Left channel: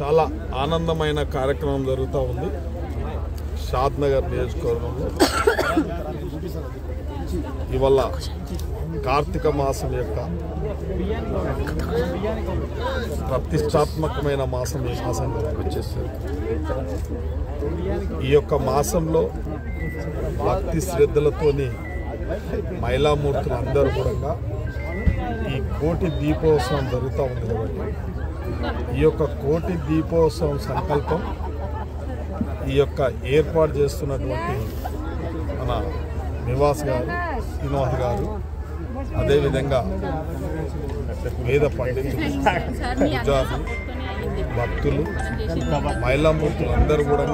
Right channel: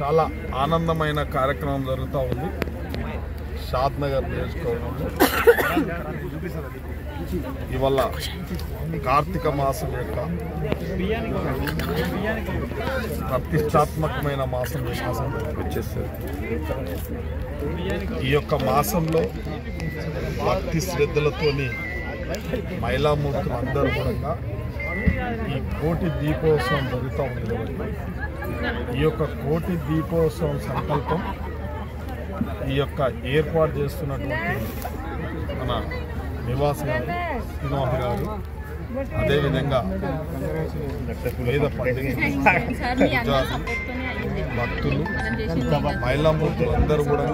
చాలా ఆనందమైన కార్యక్రమం జరుగుతూ ఉంది. షాద్నగర్ నియోజకవర్గంలో ఇవాళ కార్తీక మాసం యొక్క ప్రతిష్టాత్మకమైన మాసం వచ్చేస్తుంది. ఈ యొక్క మాసంలో భక్తి శ్రద్ధలతోని మహిళామూర్తులందరూ కూడా ఈ కోటి దీపోత్సవం జరుగుతూ ఉంది కాబట్టి ఈ యొక్క కోటి దీపోత్సవం సంకల్పం ఈ యొక్క ఏర్పాటు చేస్తున్నటువంటి మన నివాస్ గారు, శ్రీనివాస్ గారు, అదేవిధంగా వేద పండితులు, పూజారులు, భక్తులు, మహిళామూర్తులు అందరూ కూడా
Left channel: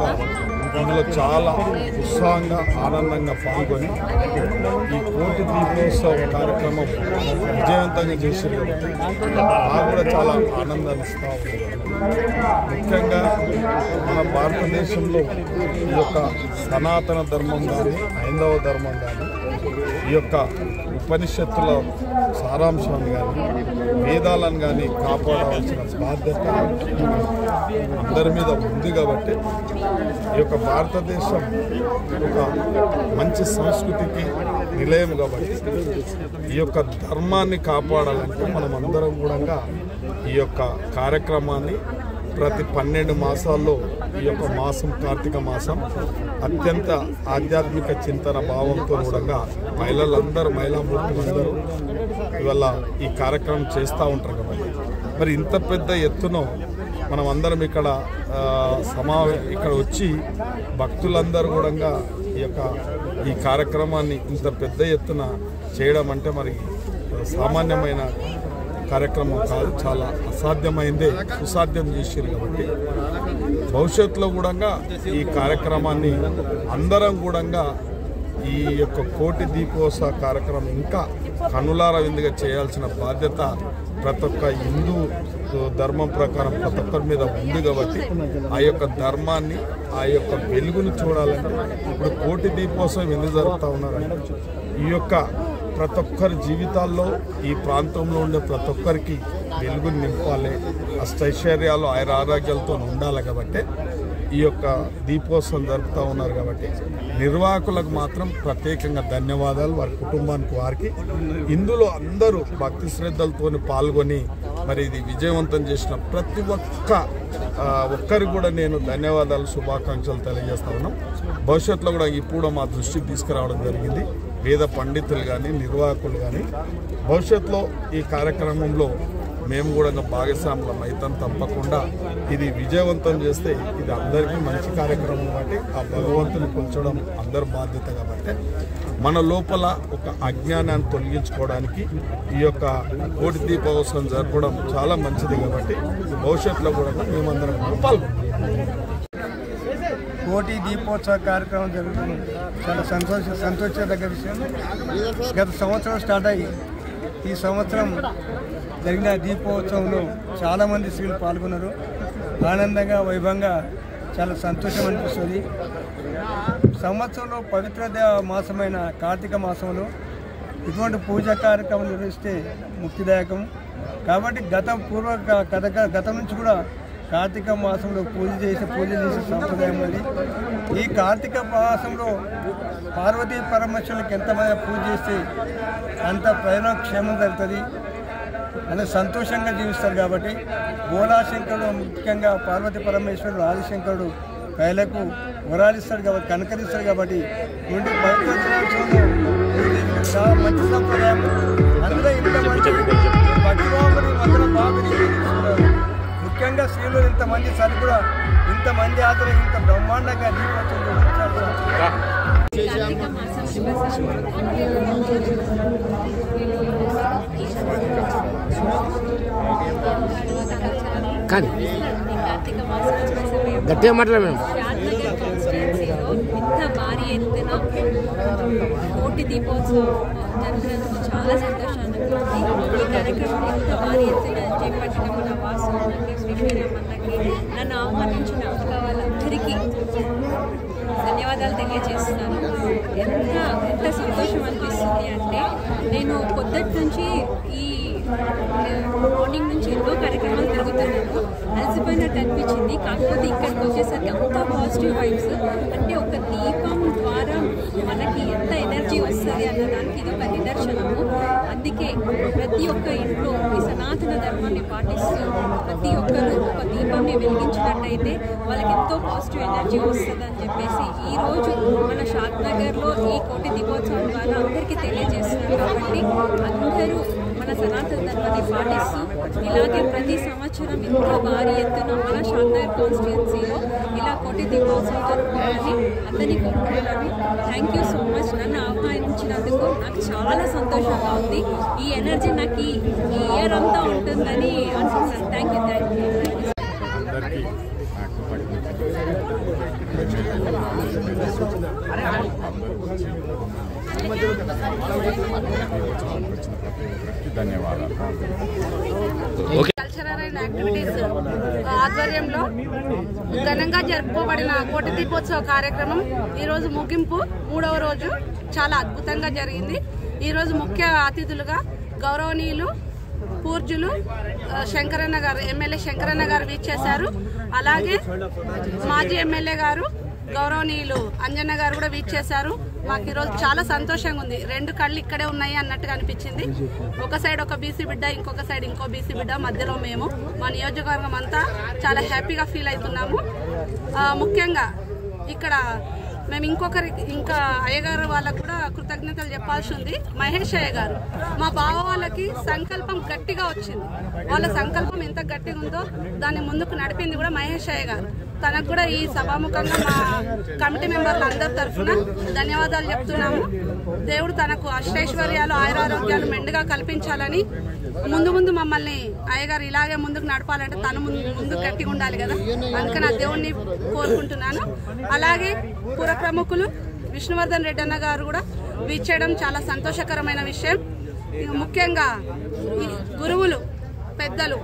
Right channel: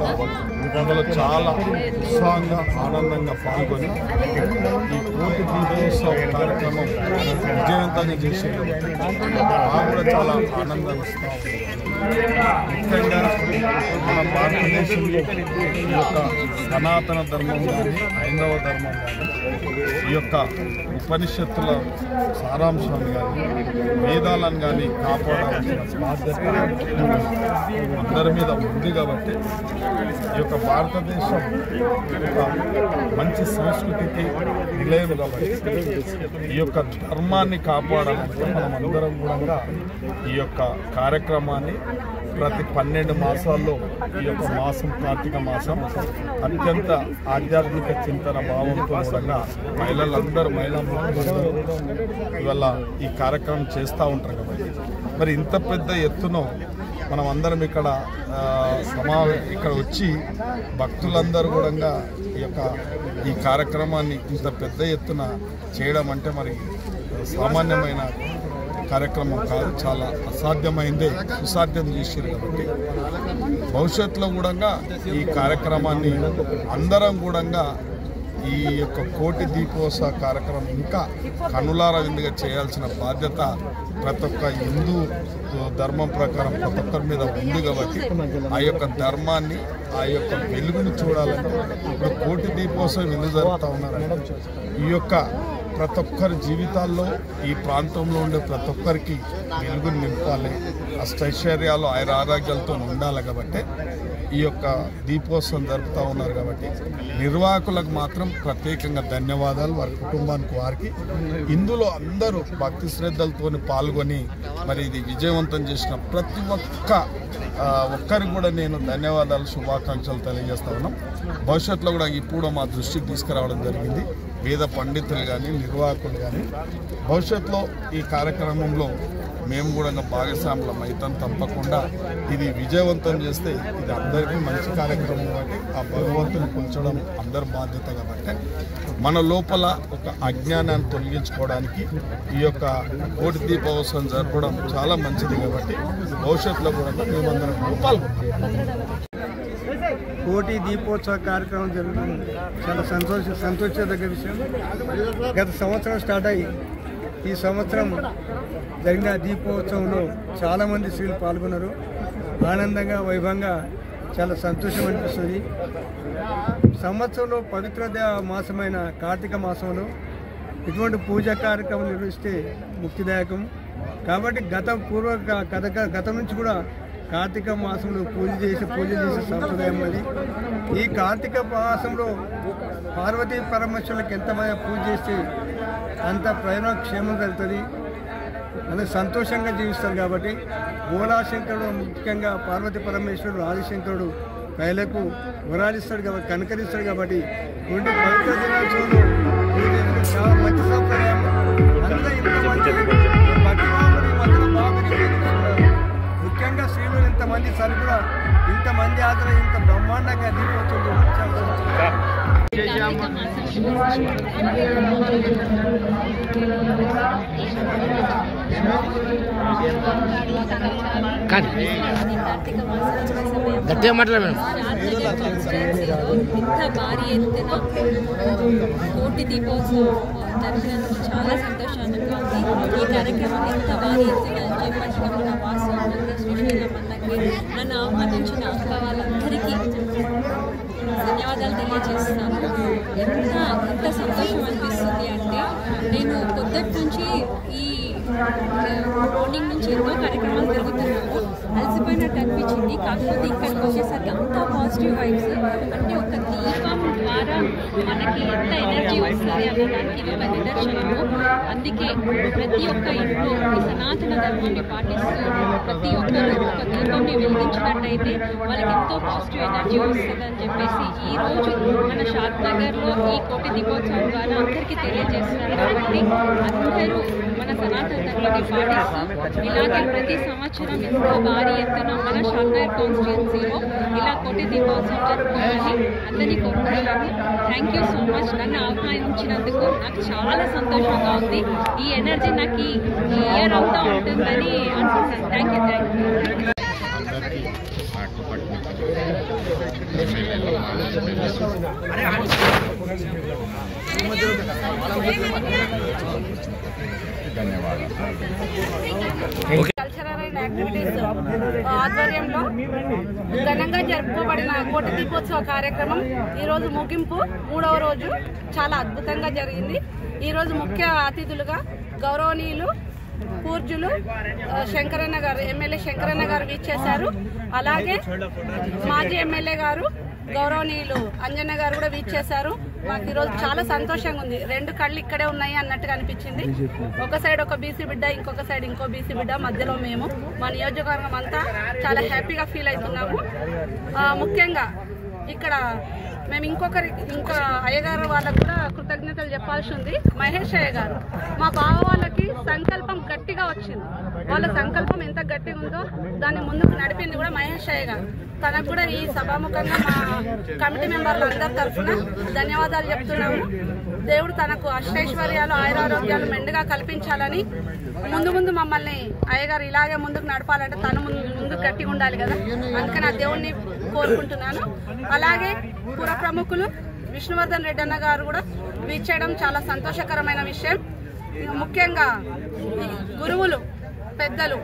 ఇందులో చాలా ఉత్సాహంగా ఆనందంగా పాల్గొని ఈ కోటి దీపోత్సవ కార్యక్రమం విజయవంతంగా చేసేది కాబట్టి మాకు కూడా చాలా ఆనందాన్ని ఇస్తూ ఉంది. ముఖ్యంగా మన భారతదేశంలో ఈ యొక్క సనాతన ధర్మం కానీ హైందవ ధర్మం కానీ ఈ యొక్క ఉపనిషత్తుల సారాంశాన్ని కానీ వేదాలను కానీ కాపాడవలసిన బాధ్యత అందరి మీద ఉంది కాబట్టి ఈ యొక్క భారతదేశం ఒక మంచి సంస్కృతికి నిలయం కాబట్టి ఈ యొక్క ధర్మాన్ని కాపాడాలంటే మనం అందరం కూడా ఈ యొక్క కార్యక్రమాన్ని ప్రతి 12 మాసాల్లో ఈ యొక్క మాసం కార్తీక మాసం అత్యంత ఆధ్యాత్మిక చింతన భావంతో కూడా మహిళామూర్తులందరూ ఇవాళ ఈ కార్యక్రమం చేస్తూ ఉంటారు కాబట్టి మరి ఇంత పెద్ద ఎత్తున మనం అందరం ఇక్కడ ఇక్కడ వచ్చి భక్తులందరూ కూడా ఈ కార్యక్రమాన్ని ఇంత పెద్ద ఎత్తున చేయడం అంటే మరి సామాన్యమైన కార్యక్రమం కాదు, చాలా అసాధ్యమైందే సుసాధ్యం చేశారు కాబట్టి భవిష్యత్తులో కూడా ఈ కార్యక్రమాన్ని అందరం కూడా ఈ యొక్క కోటి దీపోత్సవ కార్యక్రమం ఇంకా కనులార విందుగా చేయాల్సిన బాధ్యత ప్రతి ఒక్క హిందూ ధర్మం ప్రకారం ప్రతి ఒక్కరి మీద ఉంది కాబట్టి ఆ యొక్క ధర్మాన్ని ఆ యొక్క వెలుగును చూడాలంటే ఇప్పుడు కోటి దీపోత్సవం ఎందుకు జరుపుతూ ఉన్నారంటే ఈ యొక్క ప్రతి ఒక్కరి జీవితాల్లో ఈ ప్రాంతంలో ఉండే ప్రతి ఒక్కరికి వెలుగుని నింపాలి, అష్టైశ్వర్యాలు ఆరోగ్యాలతో ఉండాలి కాబట్టి ఈ యొక్క దీపోత్సవం జరుపుతూ ఉన్నారు కాబట్టి నిర్వాహకులకు మాత్రం ప్రత్యేకంగా ధన్యవాదాలు, వారి కుటుంబానికి వారికి ఇందులో అందరూ భక్తి శ్రద్ధలతో పాల్గొని మరి ఇది విజయవంతం చేసిన ప్రతి ఒక్కరికి కూడా నేను ధన్యవాదాలు శుభాకాంక్షలు తెలియజేస్తా ఉన్నాం. భవిష్యత్తులో కూడా ఇప్పుడు మా దృష్టికి తీసుకురావడం జరిగింది. వేద పండితులు కానీ నిర్వాహకులు కానీ భవిష్యత్తులో ఈ కార్యక్రమంలో మేము కూడా భాగస్వాములం అవుతాం. తప్పకుండా ఇది విజయవంతం చేస్తే ఇది అందరికీ మంచి కార్యక్రమం కాబట్టి ఆ భగవంతుని కొల్చడం అందరి బాధ్యత కాబట్టి మన లోపల ఒక అజ్ఞానాన్ని తొలగించుకోవడానికి ఈ యొక్క కోటి దీపోత్సవం జరపడం చాలా మంచిది కాబట్టి భవిష్యత్తులో కూడా మేమందరం పాల్గొంటాం. కోటి దీపోత్సవ కార్యక్రమం జరుగుతుంది. చాలా సంతోషదగ్గ విషయం. గత సంవత్సరం స్టార్ట్ అయ్యి ఈ సంవత్సరం జరిగిన దీపోత్సవంలో చాలామంది స్త్రీలు పాల్గొన్నారు. ఆనందంగా వైభవంగా చాలా సంతోషం అనిపిస్తుంది. సంవత్సరంలో పవిత్ర మాసమైన కార్తీక మాసంలో ఇటువంటి పూజా కార్యక్రమం నిర్వహిస్తే ముక్తిదాయకం కాబట్టి గతం నుంచి కూడా కార్తీక మాసంలో పూజలు చేసే సంప్రదాయం ఉంది. ఈ కార్తీక మాసంలో పార్వతీ పరమేశ్వరులకు ఎంతమంది పూజ చేస్తే అంత ప్రయోజనక్షేమం జరుగుతుంది, అనే సంతోషంగా జీవిస్తారు కాబట్టి బోలాశంకరుడు ముఖ్యంగా పార్వతీ పరమేశ్వరుడు ఆదిశంకరుడు ప్రజలకు వరాలిస్తాడు కాబట్టి కనకరిస్తాడు కాబట్టి ఇటువంటి పవిత్ర దినోత్సవంలో చాలా మంచి సంప్రదాయం. అందులో ఇంత మంచి భక్తిభావులు ఈ మధ్యలో బాగా ముఖ్యంగా స్త్రీలు ఇంతమంది సరి కూడా ఇంతమంది ఆదరణ ఇంత బ్రహ్మాండంగా దీపోత్సవం షాద్నగర్ కాన్స్టిట్యుయెన్సీలో ఇంత భారీ ఎత్తున కోటి దీపోత్సవం జరిపినందుకు చాలా సంతోషంగా ఉంది. ఈ కార్యక్రమం ఇంత భారీ ఎత్తున చేపట్టడం నా వాసు అన్నకి శ్రీశైలం అన్నకి నన్ను ఆహ్వానించిన అక్క వాళ్ళందరికీ ధన్యవాదాలు తెలియజేస్తున్నాను. ఎంత సంతోషం అనిపిస్తుంది అంటే నేను పొద్దుటి నుంచి ఈ మార్నింగ్ నుంచి ఎన్నో కార్యక్రమాలు తిరుగుతున్నాను, అలసిపోయినట్టు అనిపించింది. కాకపోతే ఇక్కడికి వచ్చేసరికి అంతా పాజిటివ్ వైబ్స్. అంటే ఒక దీపం ద్వారా మనకి ఎంత ఎనర్జీ వస్తుంది అన్నదానికి ఇది ఒక నిదర్శనము. అందుకే ప్రతి ఒక్క ఇంట్లో ఈ సనాతన ధర్మాన్ని పాటిస్తూ ప్రతి ఒక్కరు ఒక దీపాన్ని వెలిగించినట్టయితే వాళ్ళకి ఎంతో పాజిటివ్ ఎనర్జీ వస్తుంది అని చెప్పేసి ఈరోజు మన షాద్ నగర్లో ఈ కోటి దీపోత్సవం ద్వారా అందరికీ తెలియజేస్తున్నారు. కాబట్టి అందరూ మన సనాతన ధర్మాన్ని పాటిస్తూ ఇలాగే ప్రతి సంవత్సరం ఎంతో భారీ ఎత్తున మన షాద్ నగర్ కాన్స్టిట్యున్సీలో ఇలా కోటి దీపోత్సవం జరుపుకోవాలని అందరినీ కోరుకుంటున్నాను. Thank you so much. నన్ను ఆహ్వానించినందుకు నాకు చాలా సంతోషంగా ఉంది. ఈ ఎనర్జీ నాకు ఈ ఇయర్ అంతా ఉంటుందని అనుకుంటున్నాను. Thank you. అందరికీ నాకు పట్టిన ఎమ్మెల్యేలు మాజీ ఎమ్మెల్యేలు ధన్యవాదాలు. కల్చరల్ అండ్ యాక్టివిటీస్ ఆధ్వర్యంలో ఘనంగా జరుపుకోబడిన కోటి దీపోత్సవ కార్యక్రమం ఈరోజు ముగింపు 3వ రోజు చాలా అద్భుతంగా జరిగింది. ఈరోజు ముఖ్య అతిథులుగా గౌరవనీయులు పూజ్యులు శంకరన్న గారు, ఎమ్మెల్యే శంకరన్న గారు వీచేశారు. అలాగే మాజీ ఎమ్మెల్యే గారు గౌరవనీయులు అంజన్న గారు కూడా వీచేశారు. మాకు ఈరోజు చాలా సంతోషంగా ఉంది. 2 కళ్ళు ఇక్కడే ఉన్నాయి అన్నట్టుగా అనిపించింది. ఒక సైడ్ ఒక బీసీ బిడ్డ, ఇంకొక సైడ్ ఇంకో బీసీ బిడ్డ, మధ్యలో మేము, మా నియోజకవర్గం అంతా చాలా హ్యాపీగా ఫీల్ అవుతున్నాము. ముఖ్యంగా ఇక్కడ మేము ఇంకా అయ్యగారు వాళ్ళకు కూడా కృతజ్ఞతలు చెప్పాల్సి ఉంది. మహేష్ అయ్య గారు మా బావ వాళ్ళకి సంకల్పం గట్టిగా వచ్చింది. వాళ్ళ సంకల్పం ఎంత గట్టిగా ఉందో దాన్ని ముందుకు నడిపింది కూడా మహేష్ అయ్య గారు. తనకు కూడా ఈ సభాముఖంగా మా కమిటీ మెంబర్లు అందరి తరఫున ధన్యవాదాలు చెప్తున్నాము. దేవుడు తనకు అష్టైశ్వర్యాలు ఆయురారోగ్యాలు మెండుగా కల్పించాలని, ముందు మమ్మల్ని అయ్యగారు ఇలాగే ముందుకు నడపాలంటే తను ముందుకు గట్టిగా ఉండాలి కదా, అందుకని ఆ దేవుడిని కోరుకుంటున్నాను. అలాగే పుర ప్రముఖులు విష్ణువర్ధన్ రెడ్డి అన్న గారు కూడా వీచేయడం చాలా సంతోషకరమైన విషయం. ముఖ్యంగా గురువులు పెద్దలు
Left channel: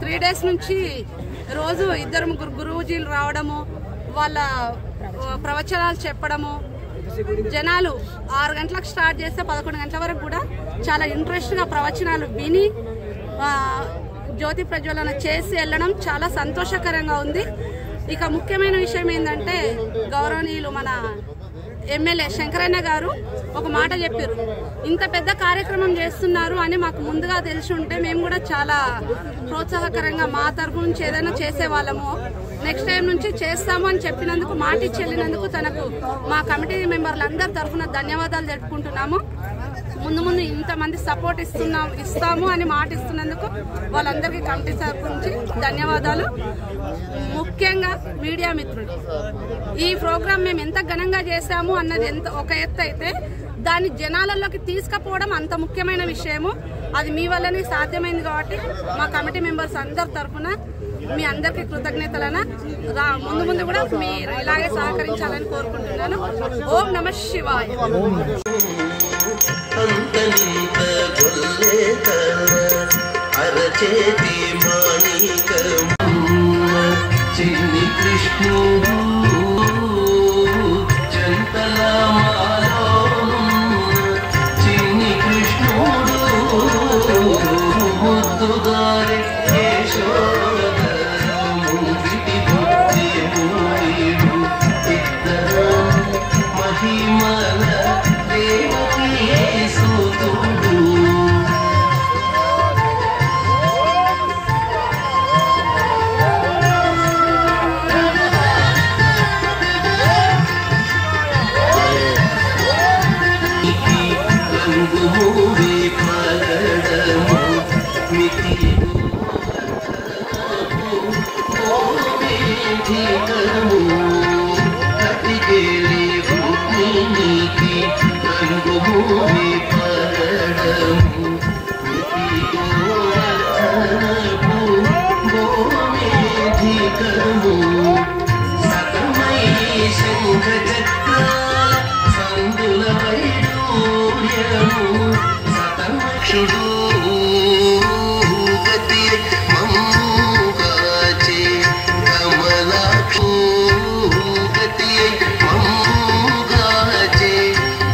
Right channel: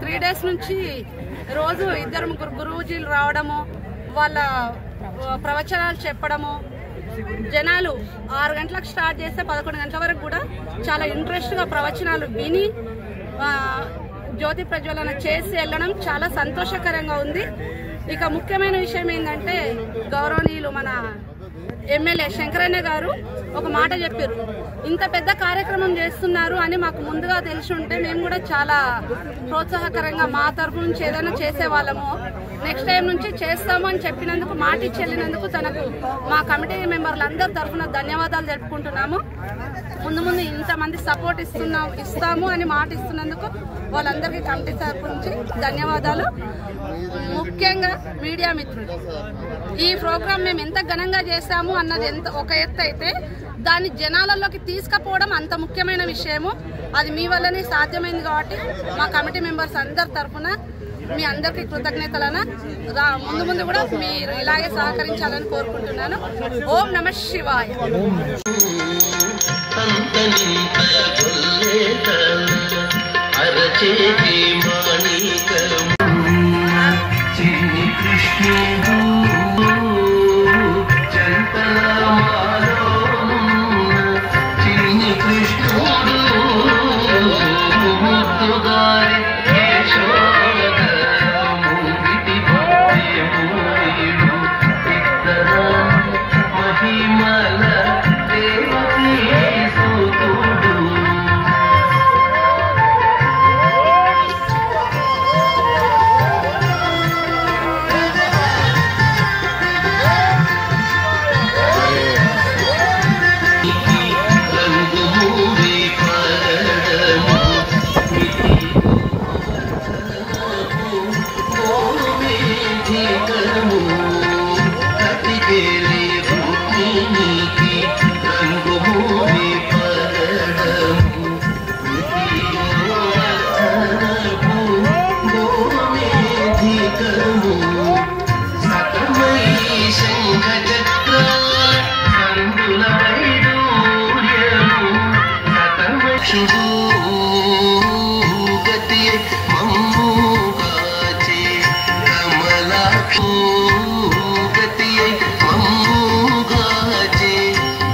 3 days నుంచి రోజు 2-3 గురువుజీలు రావడము, వాళ్ళ ప్రవచనాలు చెప్పడము, జనాలు 6 గంటలకు స్టార్ట్ చేస్తే 11 గంటల వరకు కూడా చాలా ఇంట్రెస్ట్గా ప్రవచనాలు విని జ్యోతి ప్రజ్వలన చేసి వెళ్ళడం చాలా సంతోషకరంగా ఉంది. ఇక ముఖ్యమైన విషయం ఏంటంటే గౌరవనీయులు మన ఎమ్మెల్యే శంకరన్న గారు ఒక మాట చెప్పారు. ఇంత పెద్ద కార్యక్రమం చేస్తున్నారు అని మాకు ముందుగా తెలిసి ఉంటే మేము కూడా చాలా ప్రోత్సాహకరంగా మా తరఫు నుంచి ఏదైనా చేసేవాళ్ళము. నెక్స్ట్ టైం నుంచి చేస్తాము అని చెప్పినందుకు, మాట ఇచ్చి వెళ్ళినందుకు తనకు మా కమిటీ మెంబర్లు అందరి తరఫున ధన్యవాదాలు జరుపుకుంటున్నాము. ముందు ఇంతమంది సపోర్ట్ ఇస్తాము అని మాట ఇస్తున్నందుకు వాళ్ళందరికీ కమిటీ తరఫు నుంచి ధన్యవాదాలు. ముఖ్యంగా మీడియా మిత్రులు, ఈ ప్రోగ్రాం మేము ఎంత ఘనంగా చేశాము అన్నది ఒక ఎత్తు అయితే, దాన్ని జనాలలోకి తీసుకుపోవడం అంత ముఖ్యమైన విషయము. అది మీ వల్లనే సాధ్యమైంది. కాబట్టి మా కమిటీ మెంబర్స్ అందరి తరఫున మీ అందరికీ కృతజ్ఞతలను. ముందు కూడా మీరు ఇలాగే సహకరించాలని కోరుకుంటున్నాను. ఓం నమః శివాయ.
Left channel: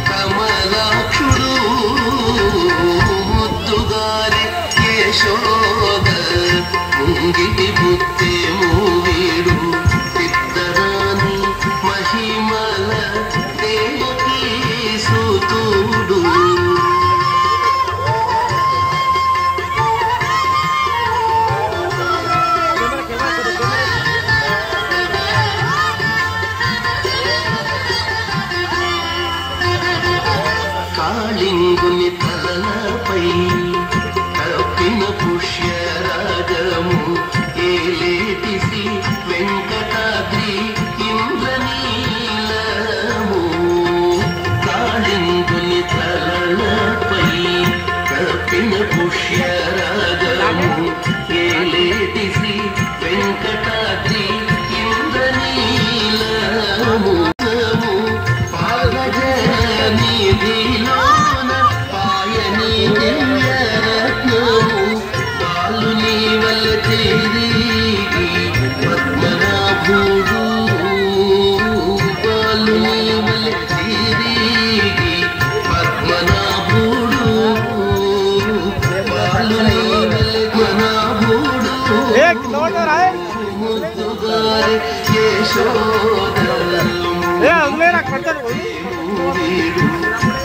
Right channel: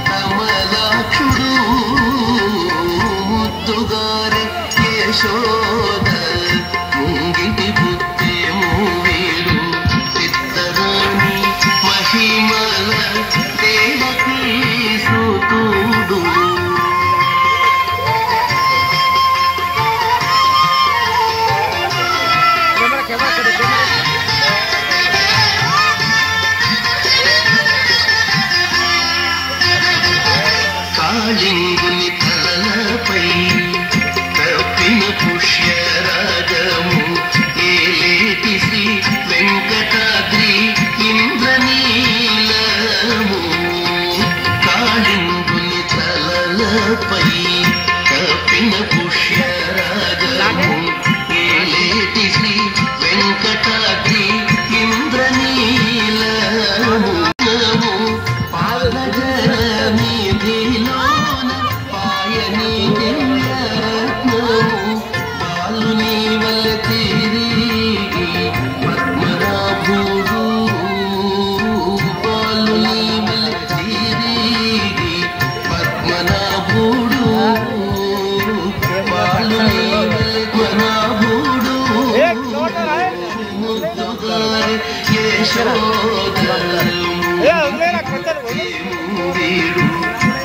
కమలాక్షుడు గుత్తేమో వీడు ఇద్దరాని మహిమల దేవకీ సూతుడు కాళింగుని తలపై కప్పిన పుష్యరాగము ఏలేటి శ్రీ వెంకటాద్రి ఇంద్రనీలము కాళింగుని తలపై కప్పిన పుష్యరాగము ఏలేటి శ్రీ వెంకటాద్రి ఇంద్రనీలము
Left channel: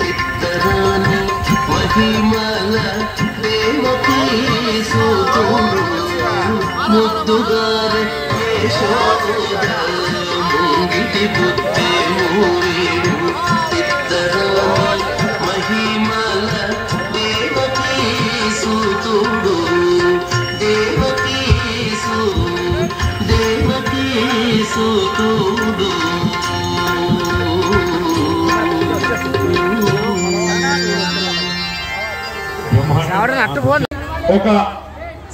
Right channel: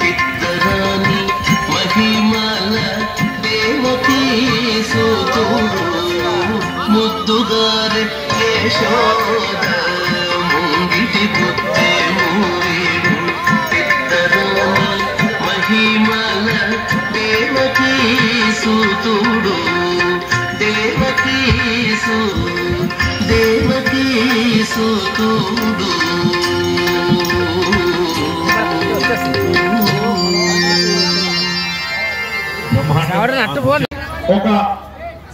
ఇద్దరాని మహిమల దేవకీ సూతుడు ముద్దుగారు యశోద ముంగిటి గుత్తేమో వీడు ఇద్దరాని మహిమల దేవకీ సూతుడు దేవకీ సూతుడు ఒక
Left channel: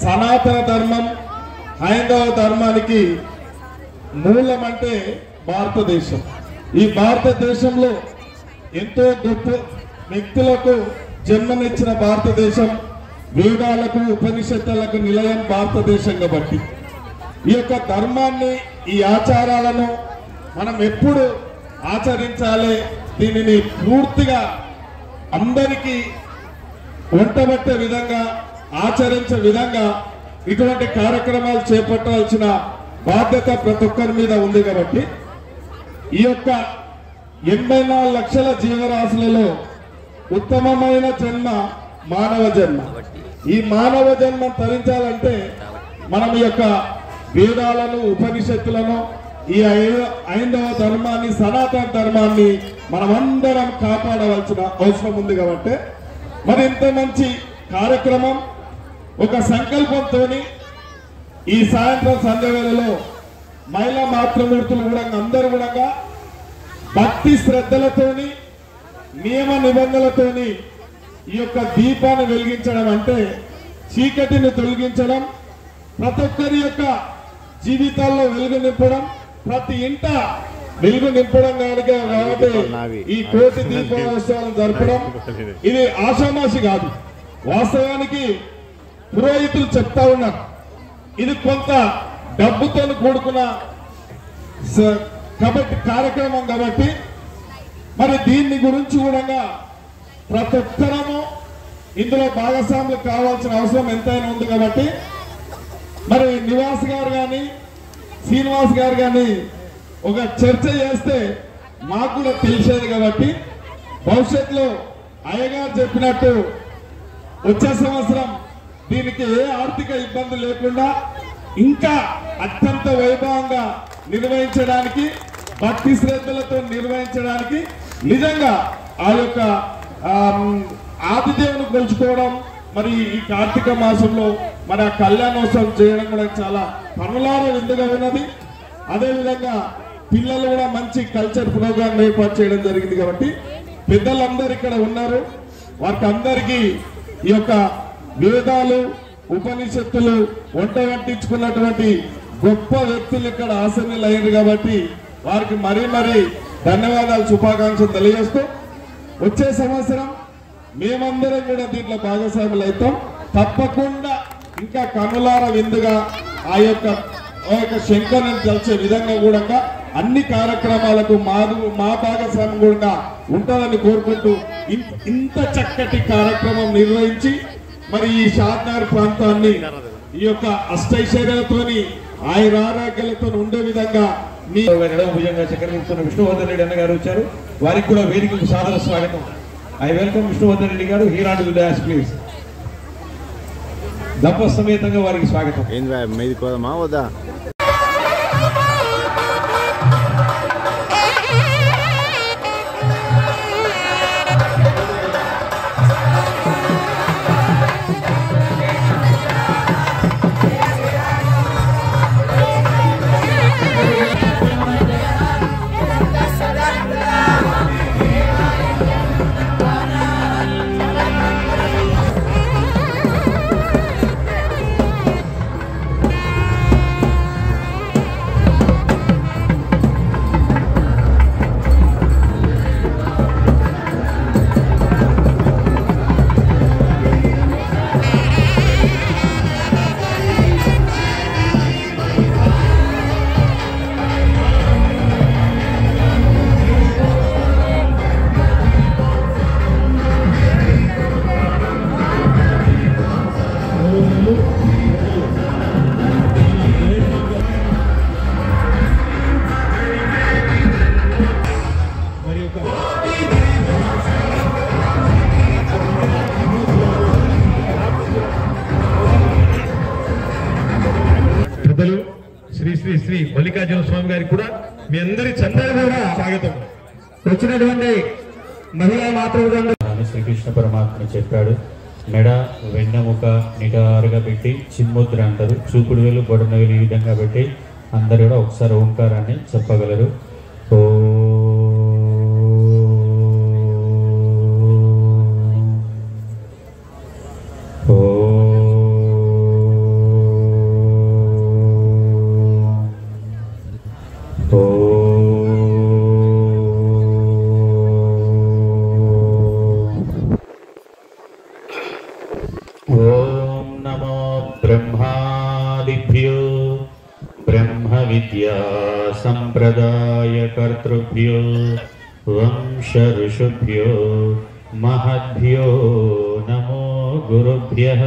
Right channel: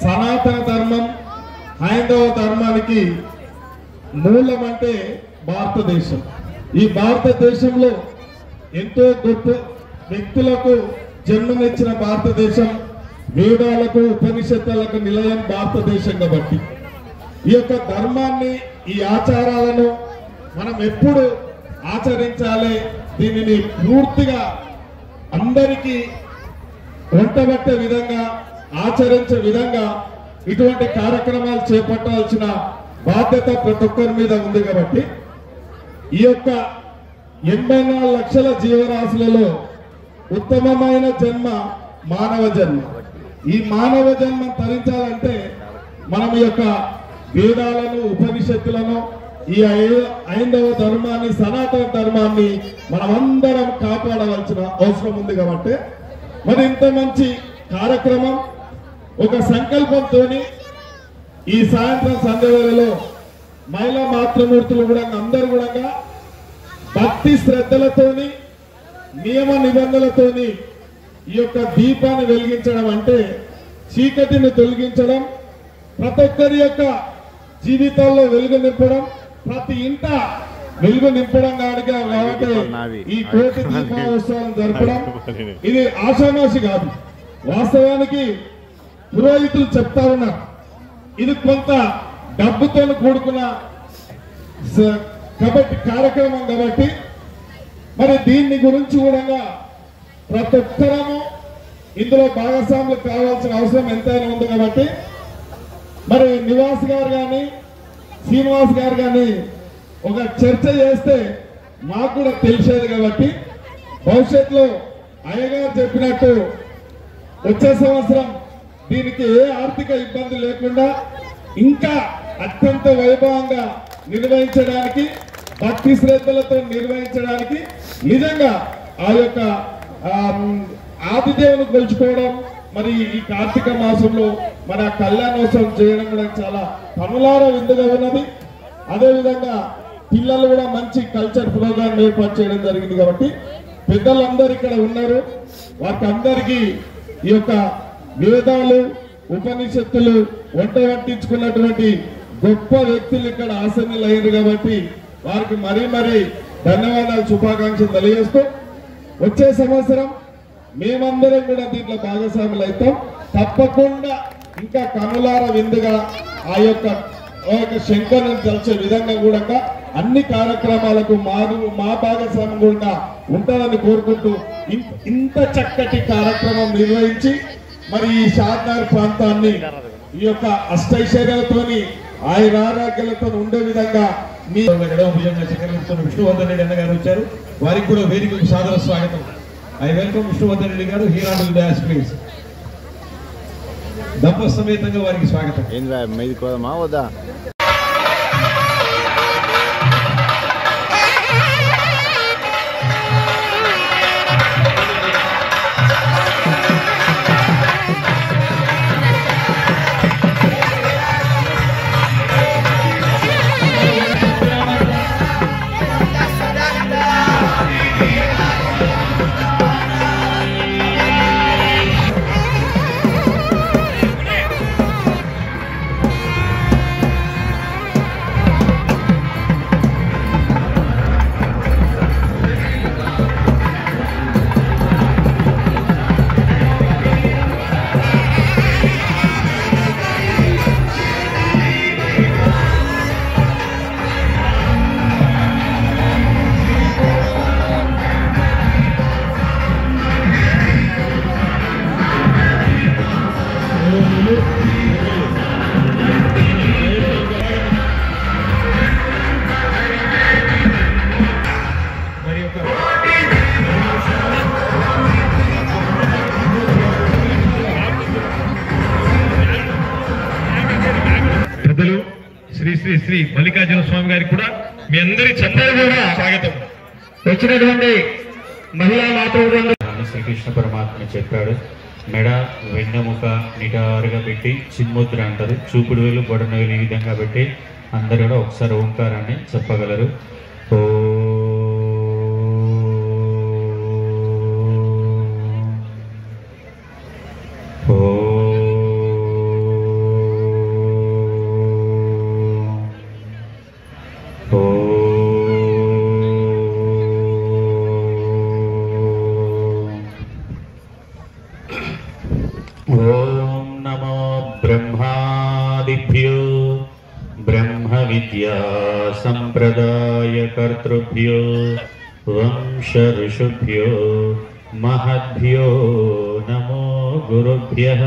సనాతన ధర్మం హైందవ ధర్మానికి మూలం అంటే భారతదేశం. ఈ భారతదేశంలో ఎంతో గొప్ప వ్యక్తులకు జన్మనిచ్చిన భారతదేశం, వేదాలకు ఉపనిషత్తులకు నిలయం భారతదేశం కాబట్టి ఈ యొక్క ధర్మాన్ని, ఈ ఆచారాలను మనం ఎప్పుడు ఆచరించాలి, దీనిని పూర్తిగా అందరికీ వంటబట్టే విధంగా ఆచరించే విధంగా ఇటువంటి కార్యక్రమాలు చేపట్టాల్సిన బాధ్యత ప్రతి ఒక్కరి మీద ఉంది కాబట్టి ఈ యొక్క 84 లక్షల జీవరాశులలో ఉత్తమమైన జన్మ మానవ జన్మ. ఈ మానవ జన్మ తరించాలంటే మనం ఈ యొక్క వేదాలను, ఉపనిషత్తులను, ఈ హైందవ ధర్మాన్ని, సనాతన ధర్మాన్ని మనమందరం కాపాడవలసిన అవసరం ఉంది కాబట్టి మరి ఇంత మంచి కార్యక్రమం ఒక సంకల్పంతో ఈ సాయంత్రం సంధ్యవేళలో మహిళా మాతృమూర్తులు కూడా అందరూ కూడా భక్తి శ్రద్ధలతోని, నియమ నిబంధనలతోని ఈ యొక్క దీపాన్ని వెలిగించడం అంటే చీకటిని తొలగించడం, ప్రతి ఒక్కరి యొక్క జీవితాల్లో వెలుగు నింపడం, ప్రతి ఇంట వెలుగు నింపడం కాబట్టి ఈ కోటి దీపోత్సవాలను జరపడం ఇది ఆషామాషి కాదు. వాస్తవానికి పురోహితులు చెప్తా ఉన్నారు ఇది కొంత డబ్బుతో కూడుకున్న కాబట్టి కార్యక్రమం కాబట్టి మరి దీన్ని గురించి కూడా ప్రతి ఒక్కరము ఇందులో భాగస్వాములు కావాల్సిన అవసరం ఎంతైనా ఉంది కాబట్టి మరి నివాస్ గారు కానీ శ్రీనివాస్ గారు కానీ ఒక చర్చ చేస్తే మాకు కూడా తెలిసేది కాబట్టి భవిష్యత్తులో అయ్యగారు చెప్పినట్టు వచ్చే సంవత్సరం దీనికి ఏ ఆర్థిక ఇబ్బంది లేకుండా ఇంకా అత్యంత వైభవంగా నిర్వహించడానికి, భక్తి శ్రద్ధలతో నిర్వహించడానికి నిజంగా ఆ యొక్క ఆదిదేవుని కొలుచుకోవడం, మరి ఈ కార్తీక మాసంలో మన కళ్యాణోత్సవం చేయడం కూడా చాలా పనులార విందుగా ఉన్నది. అదేవిధంగా పిల్లలు కూడా మంచి కల్చర్ ప్రోగ్రాం ఏర్పాటు చేయడం జరిగింది కాబట్టి పెద్దలందరూ ఇక్కడ ఉన్నారు. వారికి అందరికీ ఈ యొక్క వేదాలు, ఉపనిషత్తులు వంట వడ్డించుకున్నటువంటి గొప్ప వ్యక్తులు ఇక్కడ ఆసీనులు అయ్యారు కాబట్టి వారికి మరీ ధన్యవాదాలు, శుభాకాంక్షలు తెలియజేస్తూ వచ్చే సంవత్సరం మేమందరం కూడా దీంట్లో భాగస్వాములు అవుతాం. తప్పకుండా ఇంకా కనులార విందుగా ఆ యొక్క శంకర్ని తెలిసే విధంగా కూడా అన్ని కార్యక్రమాలకు మా భాగస్వామ్యం కూడా ఉంటుందని కోరుకుంటూ ఇంత చక్కటి కార్యక్రమం నిర్వహించి మరి ఈ షాద్నగర్ ప్రాంతాన్ని ఈ యొక్క అష్టైశ్వర్యాలతోని ఆయురారోగ్యాలతో ఉండే విధంగా మీ భుజంగా చక్రవర్తున్న విష్ణువర్ధన్ రెడ్డి అన్న గారు వచ్చారు. వారికి కూడా వేదికకు సాదర స్వాగతం. ఐ వెల్కమ్ విష్ణువర్ధన్ రెడ్డి గారు. హీరాడు డాష్ ప్లీజ్. దంప సమేతంగా వారికి స్వాగతం. మీది కోదమా వద్దా? శ్రీ శ్రీ శ్రీ మల్లికార్జున స్వామి గారికి కూడా మీ అందరి చందరు కూడా స్వాగతం. వచ్చినటువంటి మహిళా మాతృ శ్రీకృష్ణ పరమాత్మ చెప్పాడు, మెడ వెన్నెముక నిటారుగా పెట్టి చిన్ముద్ర అంటారు, చూపుడు వేలు బొడన వేలు ఈ విధంగా పెట్టి అందరూ కూడా ఒకసారి ఓంకారాన్ని చెప్పగలరు. ఓం నమో బ్రహ్మాదిభ్యో బ్రహ్మ విద్యా సంప్రదాయ కర్తృభ్యో వంశ ఋషుభ్యో మహద్భ్యో నమో గురుభ్యః.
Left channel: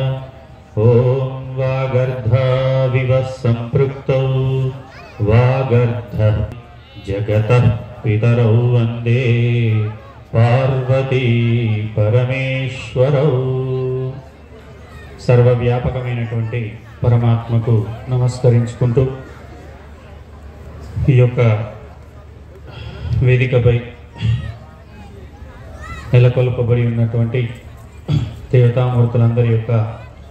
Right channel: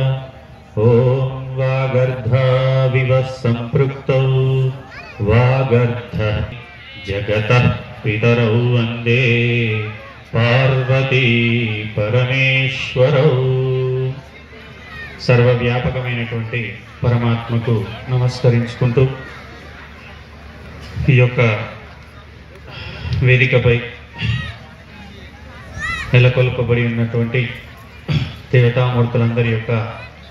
ఓం వాగర్ధావివ సంపృక్తౌ వాగర్ధ జగతః పితరౌ వందే పార్వతీ పరమేశ్వరౌ. సర్వవ్యాపకమైనటువంటి పరమాత్మకు నమస్కరించుకుంటూ ఈ యొక్క వేదికపై నెలకొల్పబడి ఉన్నటువంటి దేవతామూర్తులందరి యొక్క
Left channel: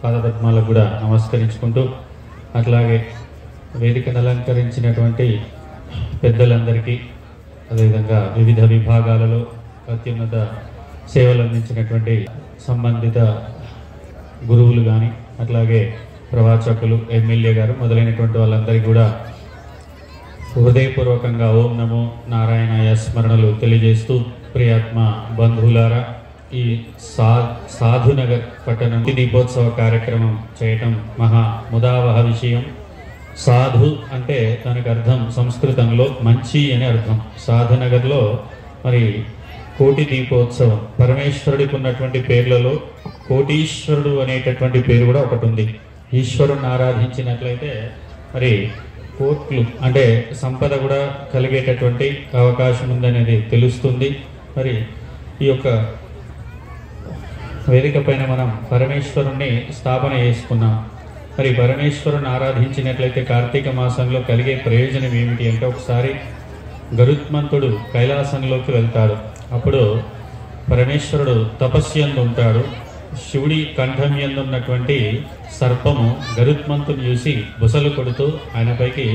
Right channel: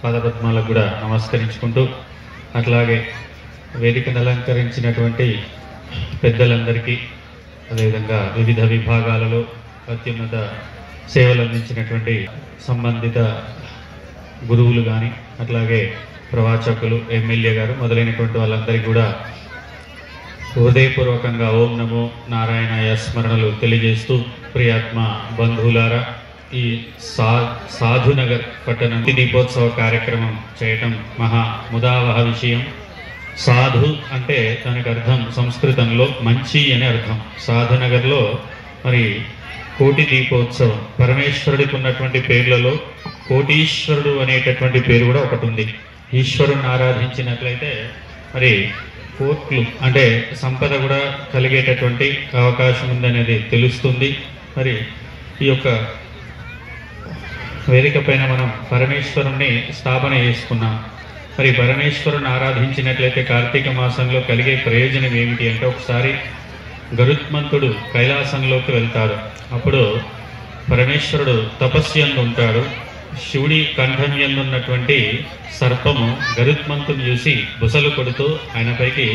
పాదపద్మాలకు కూడా నమస్కరించుకుంటూ, అట్లాగే వేదికను అలంకరించినటువంటి పెద్దలందరికీ, అదేవిధంగా వివిధ విభాగాలలో అత్యున్నత సేవలు అందించినటువంటి సంబంధిత గురువులు కానీ, అట్లాగే ప్రవాచకులు, ఎమ్మెల్యే గారు మొదలైనటువంటి వాళ్ళందరికీ కూడా హృదయపూర్వకంగా ఓం నమో నారాయణాయ స్మరణలు తెలియజేస్తూ, ప్రియాత్మ బంధువులారా, ఈ సాధునగర్ పట్టణం దీపోత్సవ కార్యక్రమం చేయటం మహా ముదావహ విషయం. సాధు అంటే దానికి అర్థం సంస్కృతంలో మంచి అనే అర్థం. సాధునగర్లో మరి కోటి దీపోత్సవం, పరమేశ్వరుడికి ఉన్నటువంటి పేర్లలో కోటీశ్వరుడు అనేటటువంటి పేరు కూడా ఒకటి ఉంది. ఈశ్వరుని ఆరాధించినట్లయితే మరి కోట్లు అంటే సంపద కూడా కలిగేటటువంటి అవకాశం ఉందనేది తెలుస్తుంది. మరి ఈ యొక్క వేదిక పైన మనం పరమేశ్వరుణ్ణి స్థాపన చేసుకున్నాం. మరి పరమేశ్వరుని ఆరాధించినట్లయితే కార్తీక మాసంలో కలిగే ప్రయోజనం ఏమిటి అంటే, ఒకసారి గరుత్మంతుడు కైలాసంలోకి వెళ్తాడు. అప్పుడు పరమేశ్వరుడు తపస్యందు ఉంటాడు. శివుడి కంఠం ఉన్నటువంటి సర్పము గరుత్మంతుని చూసి బుసలు కొడుతూ ఆయనపైకి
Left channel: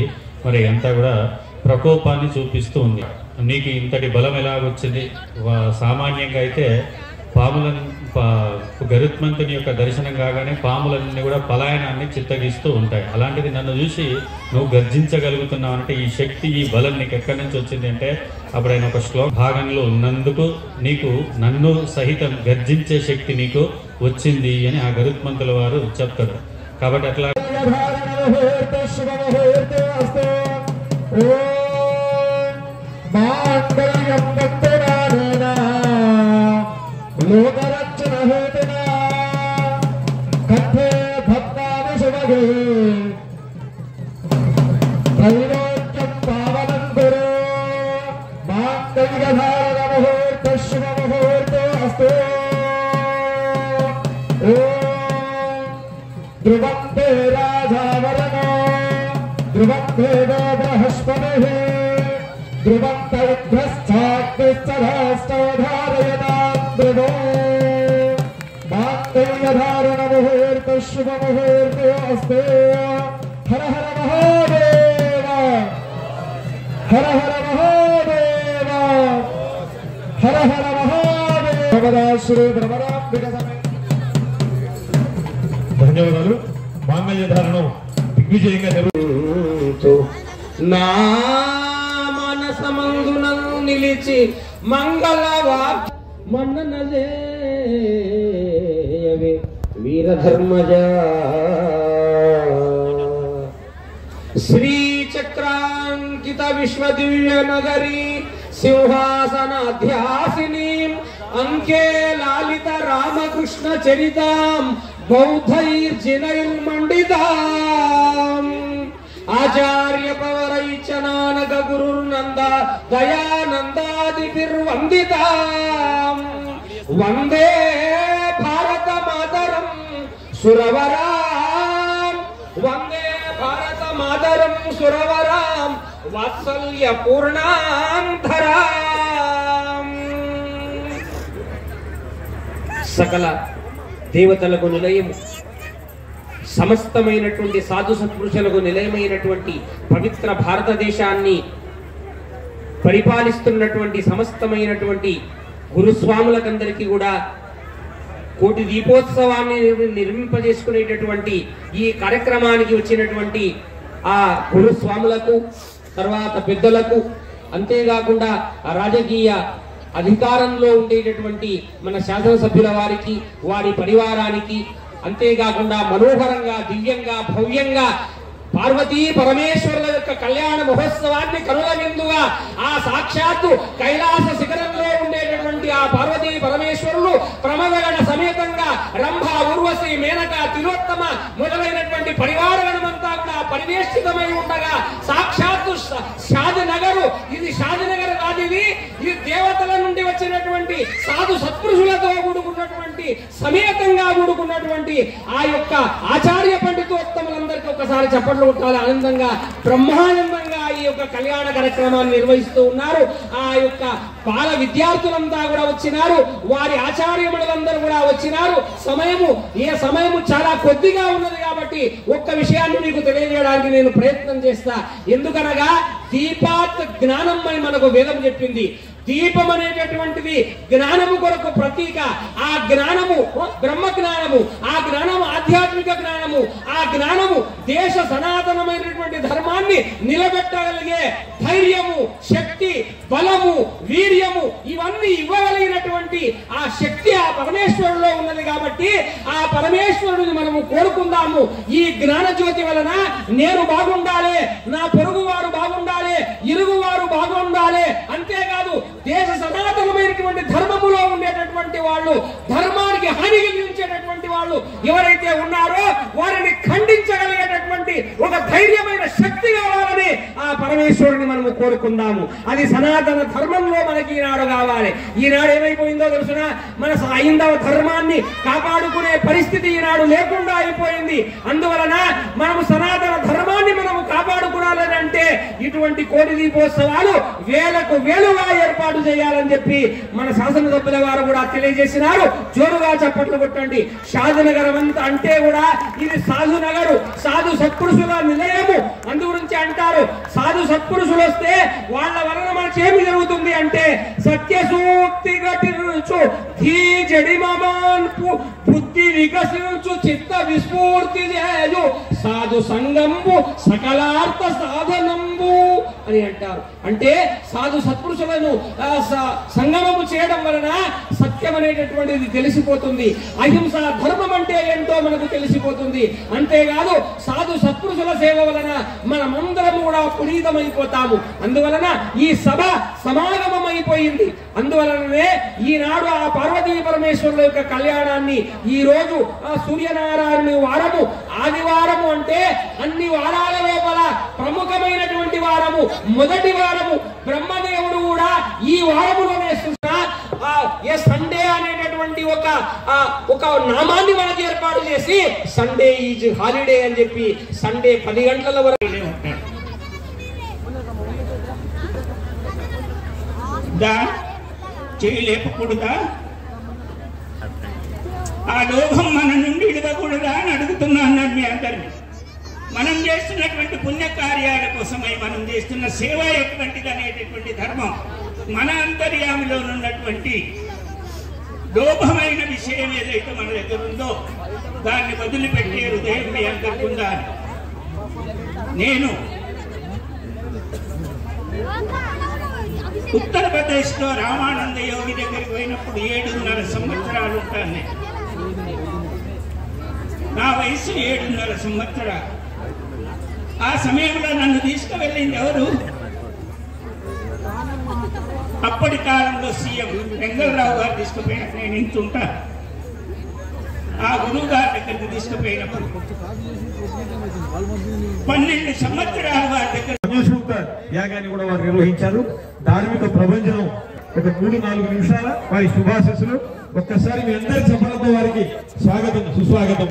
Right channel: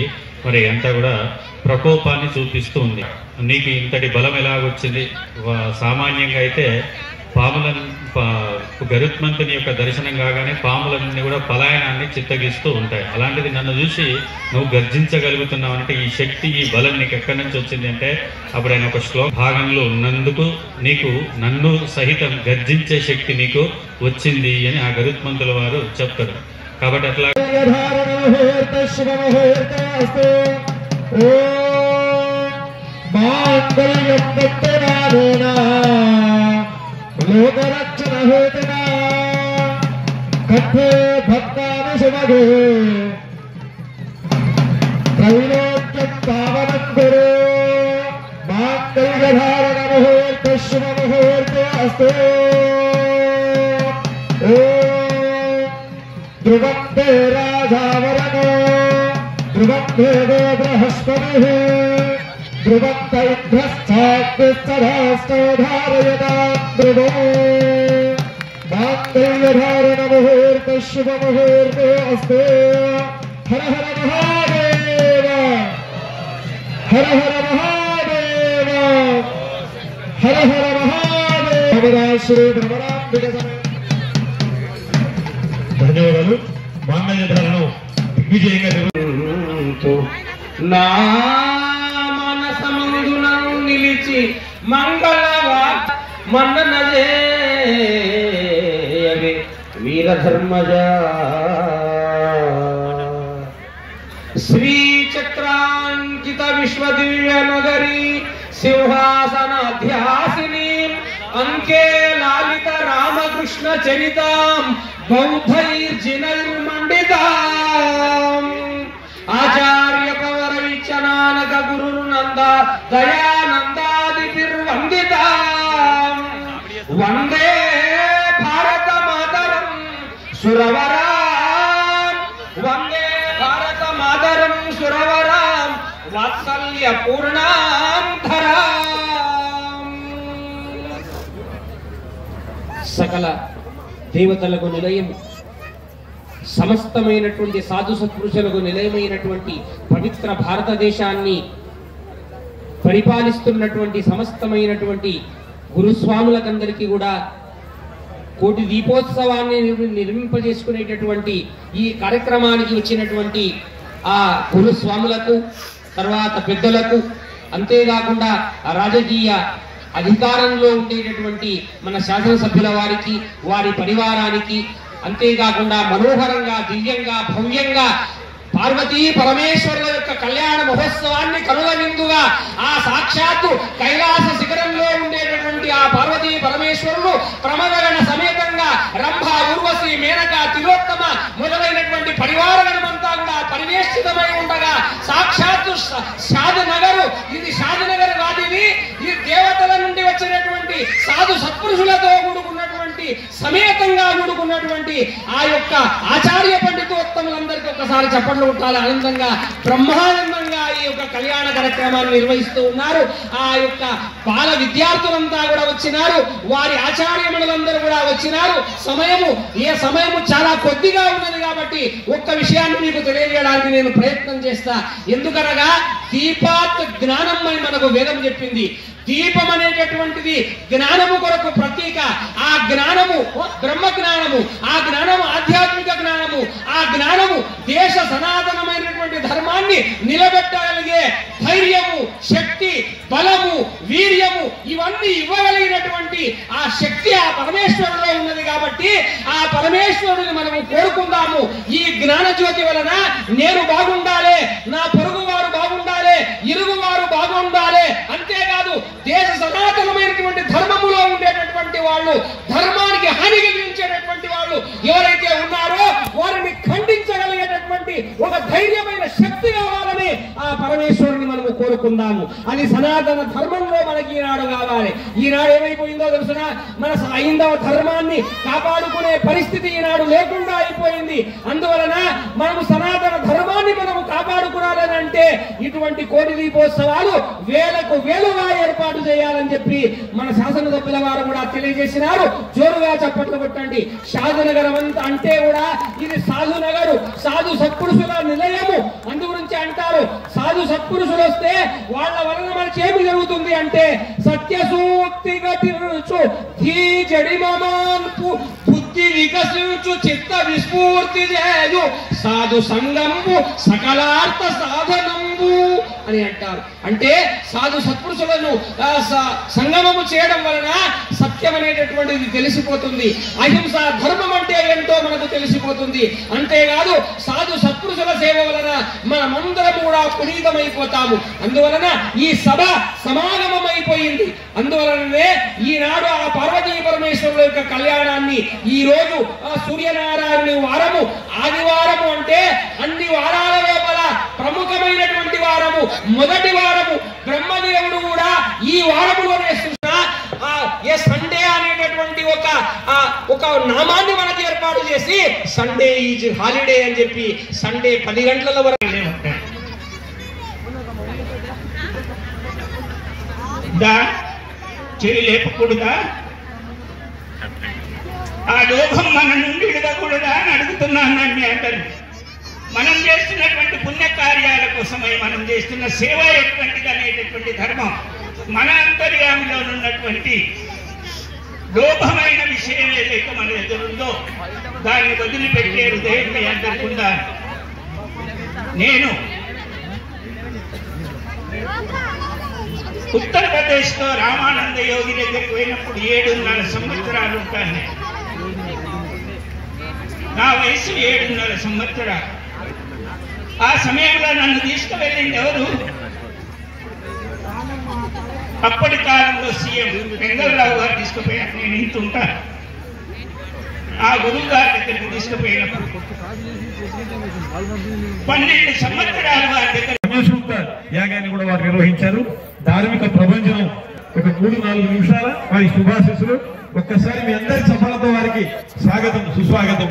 మరి అంతా కూడా ప్రకోపాన్ని చూపిస్తూ ఉంది. నీకు ఇంతటి బలం ఎలాగొచ్చింది? సామాన్యంగా అయితే గరుత్మంతుని యొక్క దర్శనం కాగానే పాములన్నీ కూడా పలాయనాన్ని చిత్తగిస్తూ ఉంటాయి. అలాంటిది నన్ను చూసి నువ్వు గర్జించగలుగుతున్నావు అంటే ఈ శక్తి, ఈ బలం నీకు ఎక్కడి నుంచి వచ్చింది అంటే, అప్పుడు ఆయన ఒక శ్లోక భాగంలో ఉన్నందుకు నీకు నన్ను సహితం గర్జించే శక్తి నీకు వచ్చింది అని ఆ గరుత్మంతుల వారు చెప్తారు. కాబట్టి అట్లా त्रैलोक्यं पावनं कुरु माङ्गल्यधारणमुहूर्ते शुभमुहूर्ते अस्तु ध्रुवं ते राजावरणो ध्रुवं देवो बृहस्पतिः ध्रुवं तैध्वश्चाग्निश्चराष्टो धारयतां ध्रुवो माङ्गल्यधारणमुहूर्ते शुभमुहूर्ते अस्तु हर हर महादेव हर हर महादेव हर हर महादेव श्री भ्रमरांबिका ధన్యవాదాలు. మాంగళ్యధారణం దిగ్విజయంగా నా మనసమందున నిలిచి మంగళవా మన్ననజేయవే వీరధర్మజ శ్రీచక్రాంకిత విశ్వదివ్య నగరీ సింహాసనాధ్యాసిని అంకే లాలిత రామకృష్ణ చరితాం బౌద్ధైర్జినైర్మండితాం ఆచార్య పవర విచనానక గురుర్నంద దయానందాదిభిర్వందితాం వందే భారత మాతరం సురవరాం వందే భారత మాతరం సురవరాం వాత్సల్య పూర్ణాంధరాం. సకల దేవతలకు నిలయము, సమస్తమైనటువంటి సాధు సత్పురుషులకు నిలయమైనటువంటి పవిత్ర భారతదేశాన్ని పరిపాలిస్తున్నటువంటి సమస్తమైనటువంటి గురుస్వాములకందరికీ కూడా కోటి దీపోత్సవాన్ని నిర్మింపజేసుకునేటటువంటి ఈ కార్యక్రమానికి వచ్చినటువంటి ఆ గురుస్వాములకు, తర్వాత పెద్దలకు, అంతేకాకుండా రాజకీయ అధికారంలో ఉండేటటువంటి మన శాసనసభ్యుల వారికి, వారి పరివారానికి, అంతేకాకుండా మనోహరంగా, దివ్యంగా, భవ్యంగా పార్వతీ పరమేశ్వరుల యొక్క కళ్యాణ మహోత్సవాన్ని కనుల విందుగా ఆ సాక్షాత్తు కైలాస శిఖరంలో ఉండేటటువంటి ఆ పార్వతీ పరమేశ్వరులు ప్రమదగణ సమేతంగా రంభ, ఉర్వశి, మేనక, తిలోత్తమ మొదలైనటువంటి పరివారగణమంతా కూడా పరివేష్టితమై ఉండగా సాక్షాత్తు షాదనగరు, ఇది షాదనగర్ కాదు, ఇది దేవతల నుండి వచ్చినటువంటి సాధు సత్పురుషులతో కూడుకున్నటువంటి సమేతంగా కూడుకున్నటువంటి ఆ యొక్క ఆచార్య పండితోత్తములందరికీ ఒకసారి చప్పట్లు కొట్టాలి. ఆనందంగా, బ్రహ్మానందంగా ఈ యొక్క కళ్యాణ కార్యక్రమాన్ని నిర్వహిస్తూ ఉన్నారు. ఆ యొక్క బాల విద్యార్థులంతా కూడా వచ్చినారు, వారి ఆచార్యములందరూ కూడా వచ్చినారు. సమయము చాలా కొద్దిగా ఉన్నది కాబట్టి ఒక్క విషయాన్ని మీకు తెలియజేయడానికి నేను ప్రయత్నం చేస్తా. ఎందుకనగా దీపాత్ జ్ఞానం అని మనకు వేదం చెప్పింది. దీపం అనేటటువంటిది జ్ఞానము కొరకు ప్రతీక. ఆ జ్ఞానము బ్రహ్మ జ్ఞానము, ఆ జ్ఞానము ఆధ్యాత్మిక జ్ఞానము, ఆ జ్ఞానము దేశ సనాతనమైనటువంటి ధర్మాన్ని నిలబెట్టగలిగే ధైర్యము, శక్తి, బలము, వీర్యము ఇవన్నీ ఇవ్వగలిగినటువంటి ఆ శక్తి ఆ పరమేశ్వరులో ఉన్నది. కాబట్టి ఆ పరమేశ్వరుడిని మనము కోరుకుందాము. ఈ జ్ఞాన జ్యోతి వలన నేను బాగుండాలి, నా పొరుగు వారు బాగుండాలి, ఇరుగు వారు బాగుండాలి. అంతేకాదు దేశ సనాతనమైనటువంటి ధర్మములో ఉండేటటువంటి వాళ్ళు, ధర్మానికి హాని కలిగించేటటువంటి వాళ్ళు ఎవరైతే ఉన్నారో వారిని ఖండించగలిగేటటువంటి ఒక ధైర్యమైన శక్తి కావాలని ఆ పరమేశ్వరుని మనము కోరుకుందాము. అది సనాతన ధర్మంలో మనకి ఈనాడు కావాలి. ఈనాడు ఏమైపోయిందో తెలుసునా, మన హైందవ ధర్మాన్ని కాపాడుకునే పరిస్థితి ఈనాడు లేకుండా అయిపోయింది. అందువలన మనము సనాతన ధర్మాన్ని మనము కాపాడుకోవాలని అంటే ఇటువంటి కోటి దీపోత్సవాలు వేలకు వేలుగా ఏర్పాటు చేయాలని చెప్పి మన శాసనసభ్యుల వారు కూడా తెలియజేసినారు. జోరుగా చప్పట్లు కొట్టండి. షాదనగరం అంతా అంటే కూడా ఇది సాధు నగరు, సాధు సత్పురుషుల నిలయము. అందు గురించి అంటారు, సాధు సత్పురుషులు వస్తే వాళ్ళ వలన మనకి ఏమి జరుగుతుంది అంటే సత్యసూక్తి ఘటించు, ధీ జడిమమాన్పు, బుద్ధి వికసించు, చిత్త విస్ఫూర్తి చేయు, సాధు సంగంబు సకలార్థ సాధనంబు అని అంటారు. అంటే సాధు సత్పురుషులను సంగమము చేయడం వలన సత్యం అనేటటువంటిది తెలిసిపోతుంది. అహింస ధర్మం అంటే ఏంటో మనకు తెలిసిపోతుంది. అంతేకాదు సాధు సత్పురుషుల సేవ వలన మనమందరం కూడా పునీతమైపోతాము. అందువలన ఈ సభ సమాగమం అయిపోయింది. అందువలననే ఈనాడు ఆ పార్వతీ పరమేశ్వరుల యొక్క కళ్యాణాన్ని ఈ రోజు ఆ సూర్యనారాయణ వారము, ఆదివారము అంటే అన్ని వారాల లోపల ప్రముఖమైనటువంటి మొదటి వారము బ్రహ్మదేవుడు కూడా ఈ వారములోనే ఏ సండే అనేటటువంటి ఒక నామాన్ని మనకి ఏర్పాటు చేసి సండే ఈజ్ హాలిడే అని చెప్పి సండే 10 గంటల వరకు చెయ్యి లేపకూడదా? ఆ లోభం మన నుండి విడవకూడదా అని అడుగుతున్నాను నేను మీ అందరినీ. మనం చేస్తున్నటువంటి పుణ్యకార్యాల కోసమై మనం చేస్తున్న సేవ ఎటువంటిది అనేటటువంటి ధర్మం మన అంతర్యామిలో ఉన్నటువంటి లోభమైన విషయం ఏదైతే మన దగ్గర ఉందో దాన్ని వదిలిపెట్టే హృదయం మీ అందరికీ ఉండాలి. నేను ఉత్తరప్రదేశ్లో రామానంద యోగి దగ్గరికి పోయినప్పుడు 7.5 సంవత్సరాలు ఉంటాను. నా వయసు 7.5 సంవత్సరాలు. ఆ సమయంలో నన్ను తీసుకువెళ్ళింది ఎవరు? అప్పటి కాలంలో సీఎం వెంగళరావు గారు తీసుకుపోయినప్పుడు నేను ఇంతుంటా. ఆ గురువు గారి దగ్గరికి తీసుకుపోయినప్పుడు 12 సంవత్సరాలు వారి దగ్గర యాగాన్ని కూడా వారు నిర్వహించారు. ధార్మిక ప్రపంచం ఒక 3-4 నిమిషాల వారి శుభాశీస్సులు. ఒక్కసారి మీ అందరి సఫలతో వారికి స్వాగతం, సుస్వాగతం.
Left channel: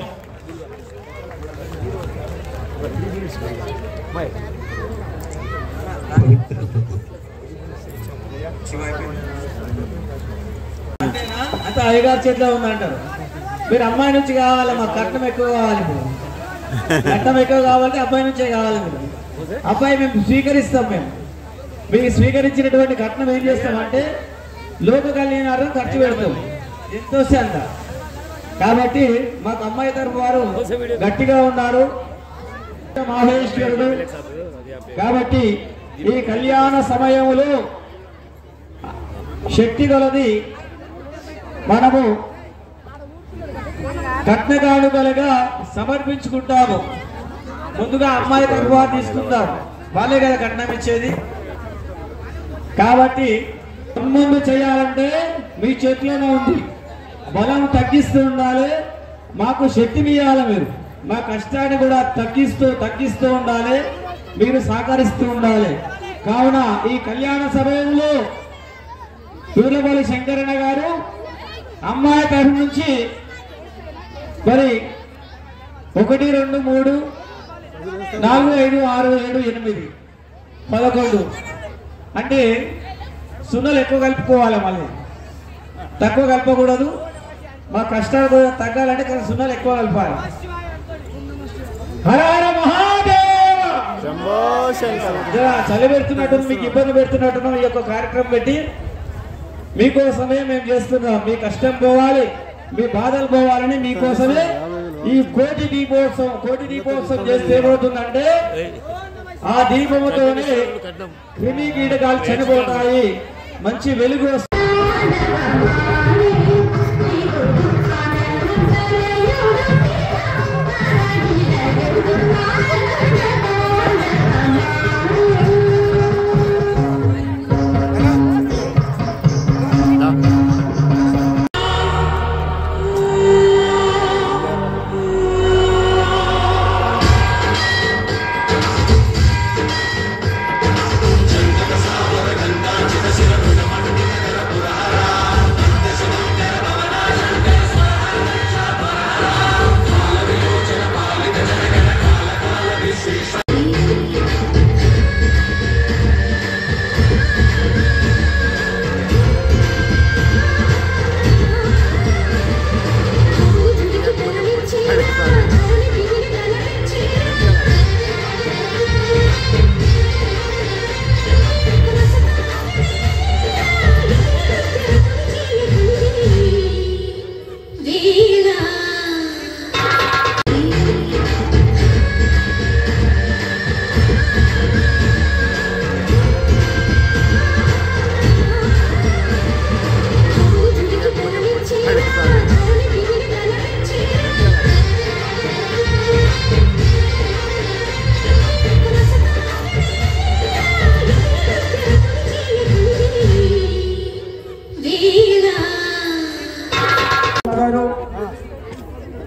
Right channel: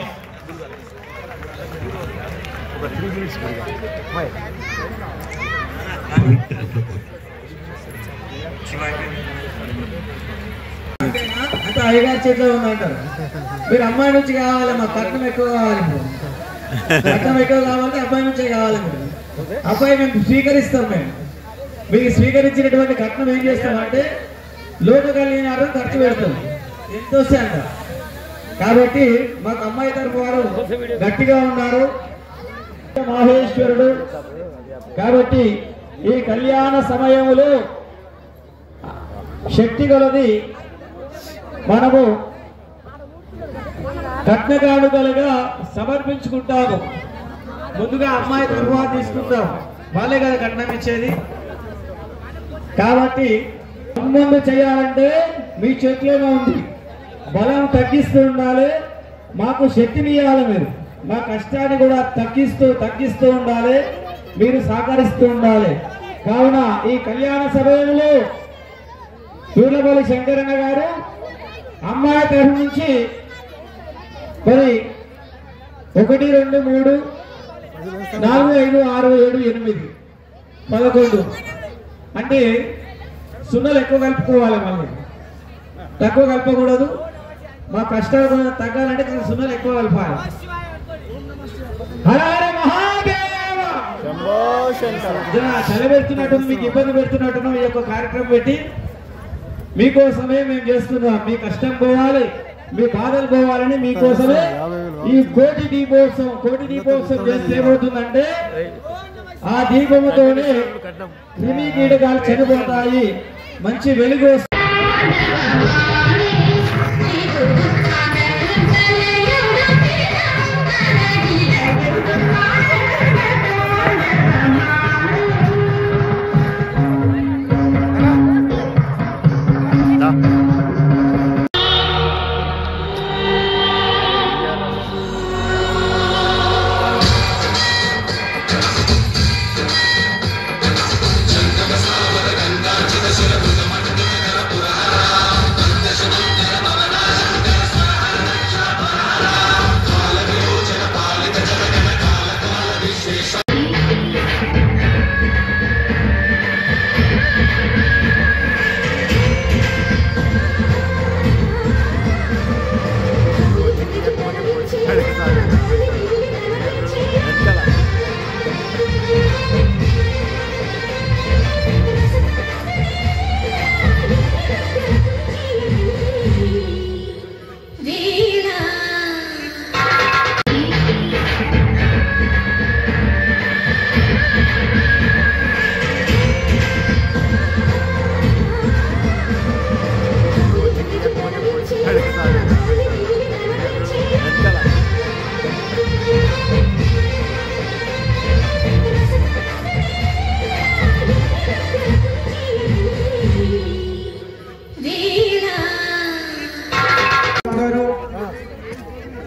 అంటే అయ్యగారి చేతిలో ఉందంటారు. మీరు అమ్మాయి నుంచి కావాలి, మా కట్నం ఎక్కువ కావాలి, కట్నం ఎక్కువ కావాలి, అబ్బాయి నుంచే కావాలి. అబ్బాయి మేము స్వీకరిస్తాం. మీకు స్వీకరించినటువంటి కట్నం ఏం చేస్తామంటే లోక కళ్యాణాలు ఖర్చు పెడతాం. ఎంతో అంట. కాబట్టి మాకు అమ్మాయి తరఫు వారు గట్టిగా ఉన్నారు, మహేశ్వరుడు. కాబట్టి ఈ కళ్యాణ సమయంలో శక్తి కొలది మనము కట్న కానుకలుగా సమర్పించుకుంటాము. ముందుగా అమ్మాయి తరఫు తీసుకుంటాం, వాళ్ళే కదా కట్నం ఇచ్చేది. కాబట్టి ముందు చేయాలంటే మీ చేతిలోనే ఉంది. బలం తగ్గిస్తూ ఉండాలి, మాకు శక్తిని ఇవ్వాలి. మీరు మా కష్టాన్ని కూడా తగ్గిస్తూ ఉండాలి, మీరు సహకరిస్తూ ఉండాలి. కావున ఈ కళ్యాణ సమయంలో సూర్యపల్లి శంకరన్న గారు అమ్మాయి తరఫు నుంచి మరి 1, 2, 3, 4, 5, 6, 7, 8, 11 అంటే సున్నలు ఎక్కువ కలుపుకోవాలి. మళ్ళీ తక్కువ కలపకూడదు. మా కష్టాలు తగ్గాలంటే సున్నలు ఎక్కువ కలపాలి. చలి పెడుతున్నట్టు, మీకు ఇబ్బంది పెడుతున్నట్టు ఈ యొక్క కార్యక్రమం పెట్టి మీకోసమే మేము చేస్తున్నాం. మీ కష్టం పోవాలి, మీ బాధలు పోవాలని మీకోసమే ఈ కోటి దీపోత్సవం చేస్తే ఏమవుతుందంటే ఆ దీపముతోనే క్రిమి కీటకాలు చనిపోతాయి, మంచి వెలుగు వస్తుంది.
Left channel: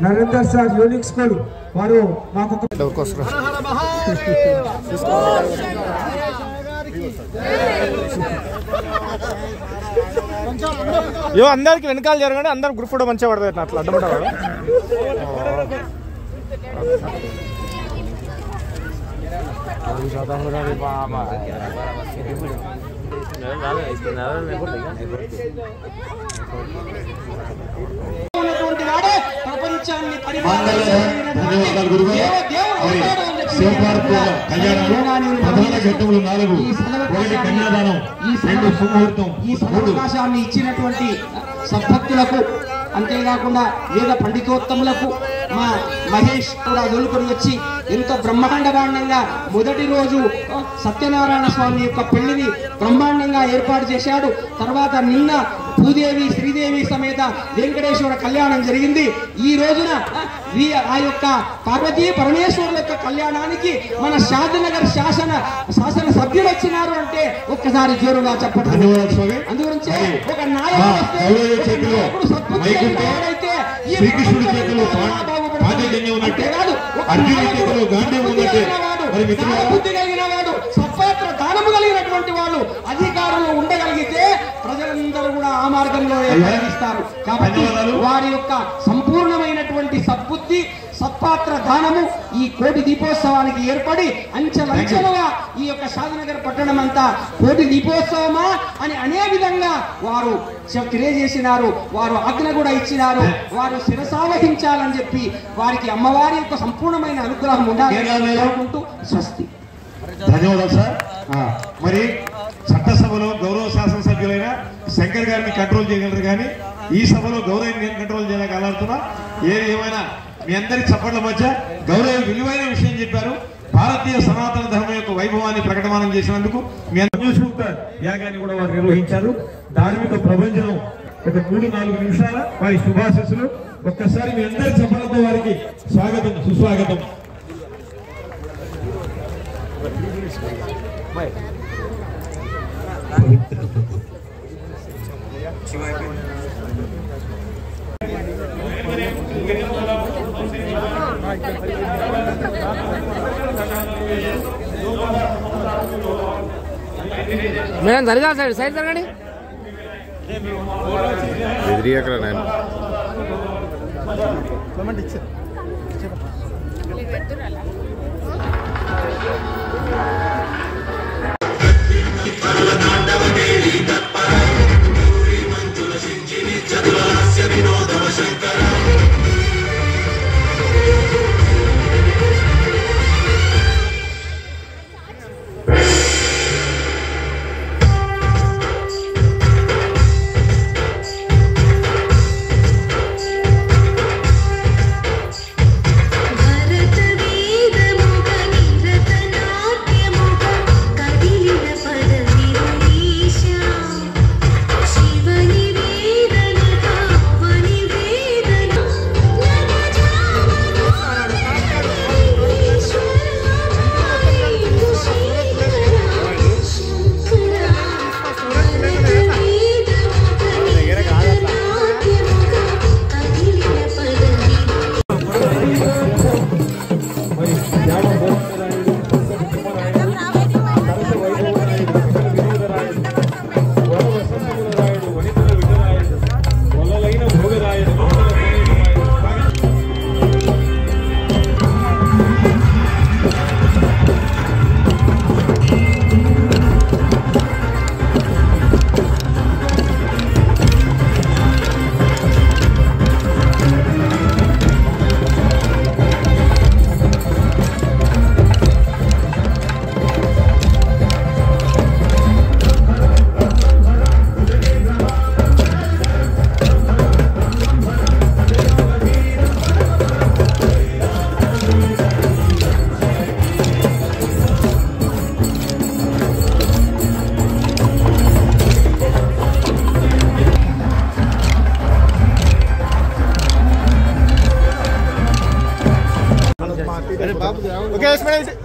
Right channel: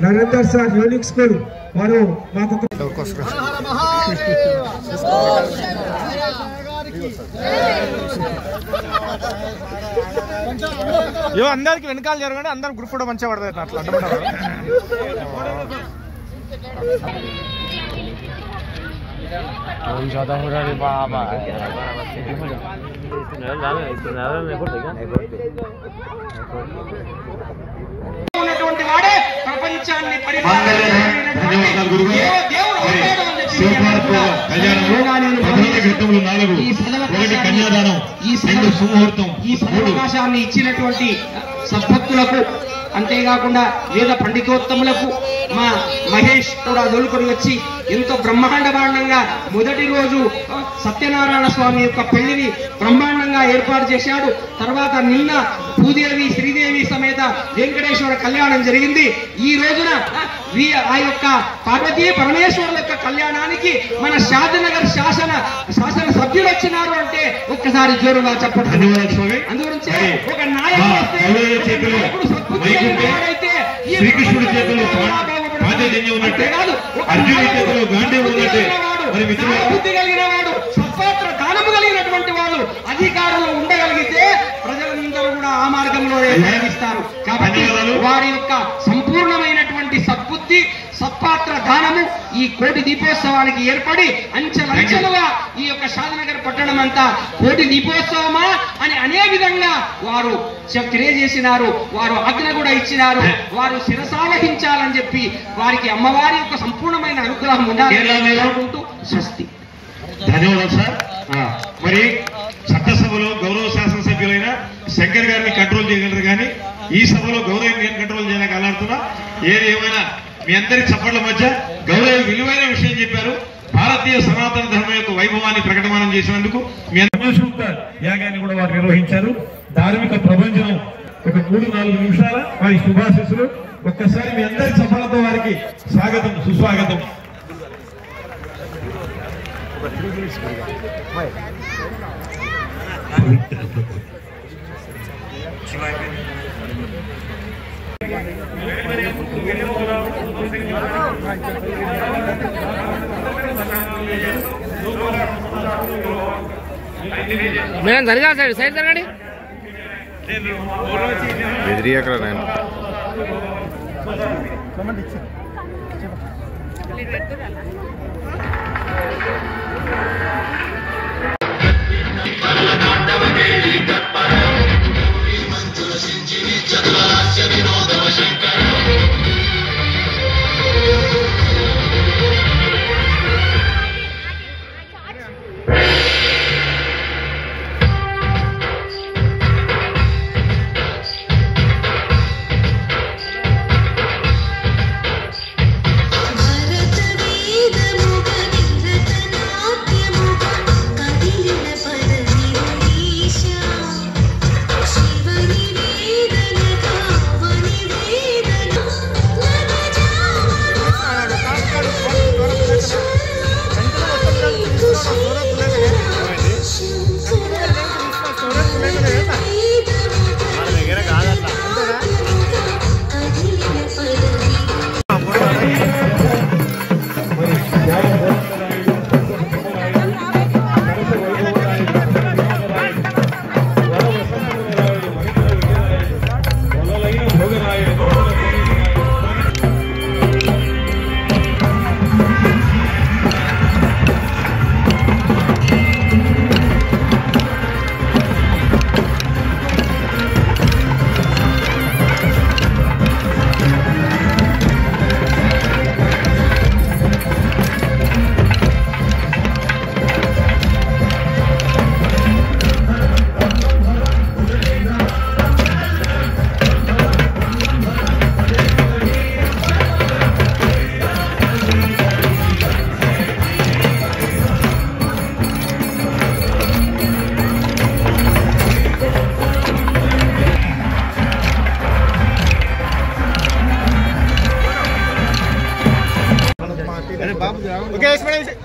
నరేందర్ సార్ యూనిక్ స్కూల్ వారు మాకు అందరికి వెనకాల జరగండి, అందరం గ్రూప్ ఫోటో మంచిగా పడుతుంది అట్లా ఉన్నటువంటి వాడే ప్రపంచాన్ని ఈ సదవకాశాన్ని ఇచ్చినటువంటి సద్భక్తులకు, అంతేకాకుండా వేద పండితోత్తములకు మా మహేష్ కూడా దొలుకొని వచ్చి ఎంతో బ్రహ్మాండంగా మొదటి రోజు సత్యనారాయణ స్వామి యొక్క పెళ్లిని బ్రహ్మాండంగా ఏర్పాటు చేశాడు. తర్వాత నిన్న భూదేవి శ్రీదేవి సమేత వెంకటేశ్వర కళ్యాణం జరిగింది. ఈ రోజున ఆ యొక్క పార్వతీ పరమేశ్వరుల యొక్క కళ్యాణానికి మన షాద్నగర్ శాసన సభ్యులు వచ్చినారు అంటే ఒక్కసారి జోరుగా చెప్పండి. అందుగురించి ఒక శ్రీకృష్ణుడి చేతిలో బుద్ధి కలిగిన వాడు, సత్పాత్ర దానము కలిగినటువంటి వాళ్ళు అధికారంలో ఉండగలిగితే ప్రజలందరూ కూడా ఆ మార్గంలోనే ప్రయాణిస్తారు. కాబట్టి వారి యొక్క సంపూర్ణమైనటువంటి సద్బుద్ధి, సత్పాత్ర దానము ఈ కోటి దీపోత్సవానికి ఏర్పడి అంచెలంచెలుగా ఈ యొక్క షాద్నగర్ పట్టణం అంతా కోటి దీపోత్సవమా అని అనే విధంగా వారు తెలియజేసినారు. వారు ఆజ్ఞ కూడా ఇచ్చినారు. వారు శిరసావహించాలని చెప్పి వారికి అమ్మవారి యొక్క సంపూర్ణమైన అనుగ్రహం ఉండాలనుకుంటూ స్వస్తి. ధన్యవాదాలు సార్. మరి చట్టసభలో గౌరవ శాసనసభ్యులైన శంకర్ గారిని కంట్రోల్ చేయగలరు, కానీ ఈ సభలో గౌరవం కంట్రోల్ చేయడానికి అలాడుతున్నా. ఏది ఏమైనా మీ అందరి చప్పట్ల మధ్య గౌరవ విలువైన విషయం చెప్పారు. భారతీయ సనాతన ధర్మం యొక్క వైభవాన్ని ప్రకటమానం చేసినందుకు మీ యాగాన్ని కూడా వారు నిర్వహించారు. ధార్మిక ప్రభంజనం ఒక 3-4 నిమిషాల వారి శుభాశీస్సులు. ఒక్కసారి మీ అందరి చప్పట్లతో వారికి స్వాగతం, సుస్వాగతం. మేడం జరగా సైడ్ జరగండి. బెదిరియకరా నేను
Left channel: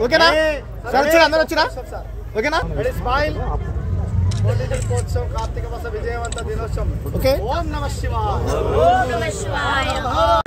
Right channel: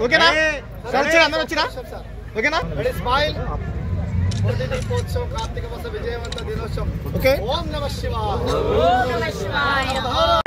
ఓకేనా సార్? అందరూ వచ్చినా? ఓకేనా? స్మైల్. కోటి దీపోత్సవం కార్తీక మాస విజయవంత దినోత్సవం. ఓకే. ఓం నమః శివాయ. ఓం నమః శివాయ.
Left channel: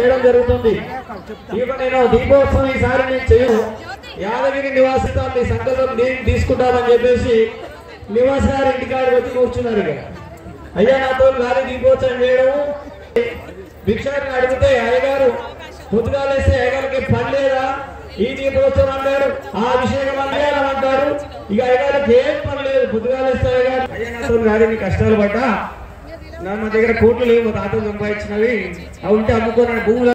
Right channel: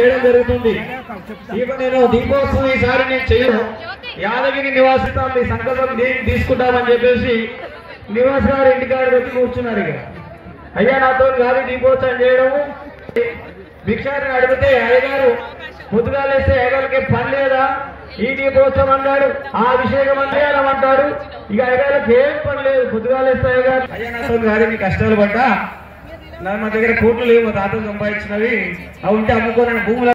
చేయడం జరుగుతుంది. నేను దీపోత్సవం ఈసారి నేను చేయను, యాదగిరి నివాసితో మీ సంకల్పం తీసుకుంటామని చెప్పేసి నివాస్ గారు ఇంటికాడికి వచ్చి కూర్చున్నారు. ఇక అయ్యా నాతో గాలి దీపోత్సవం చేయడం భిక్షారిని అడిగితే అయ్యగారు పొద్దుగాలేస్తే అయ్యగారికి పని లేదా, ఈ దీపోత్సవం అన్నాడు, ఆ అభిషేకం అంటారు అంటారు. ఇక అయ్యగారికి ఏం పని లేదు, పొద్దుగాలేస్తే అయ్యగారు అయ్యా నాతో గాలి నీ కష్టాలు పడ్డా, మా దగ్గర కోట్లు లేవు, మా తాత సంపాదించినవి అవి ఉంటే అమ్ముకోనని భూములు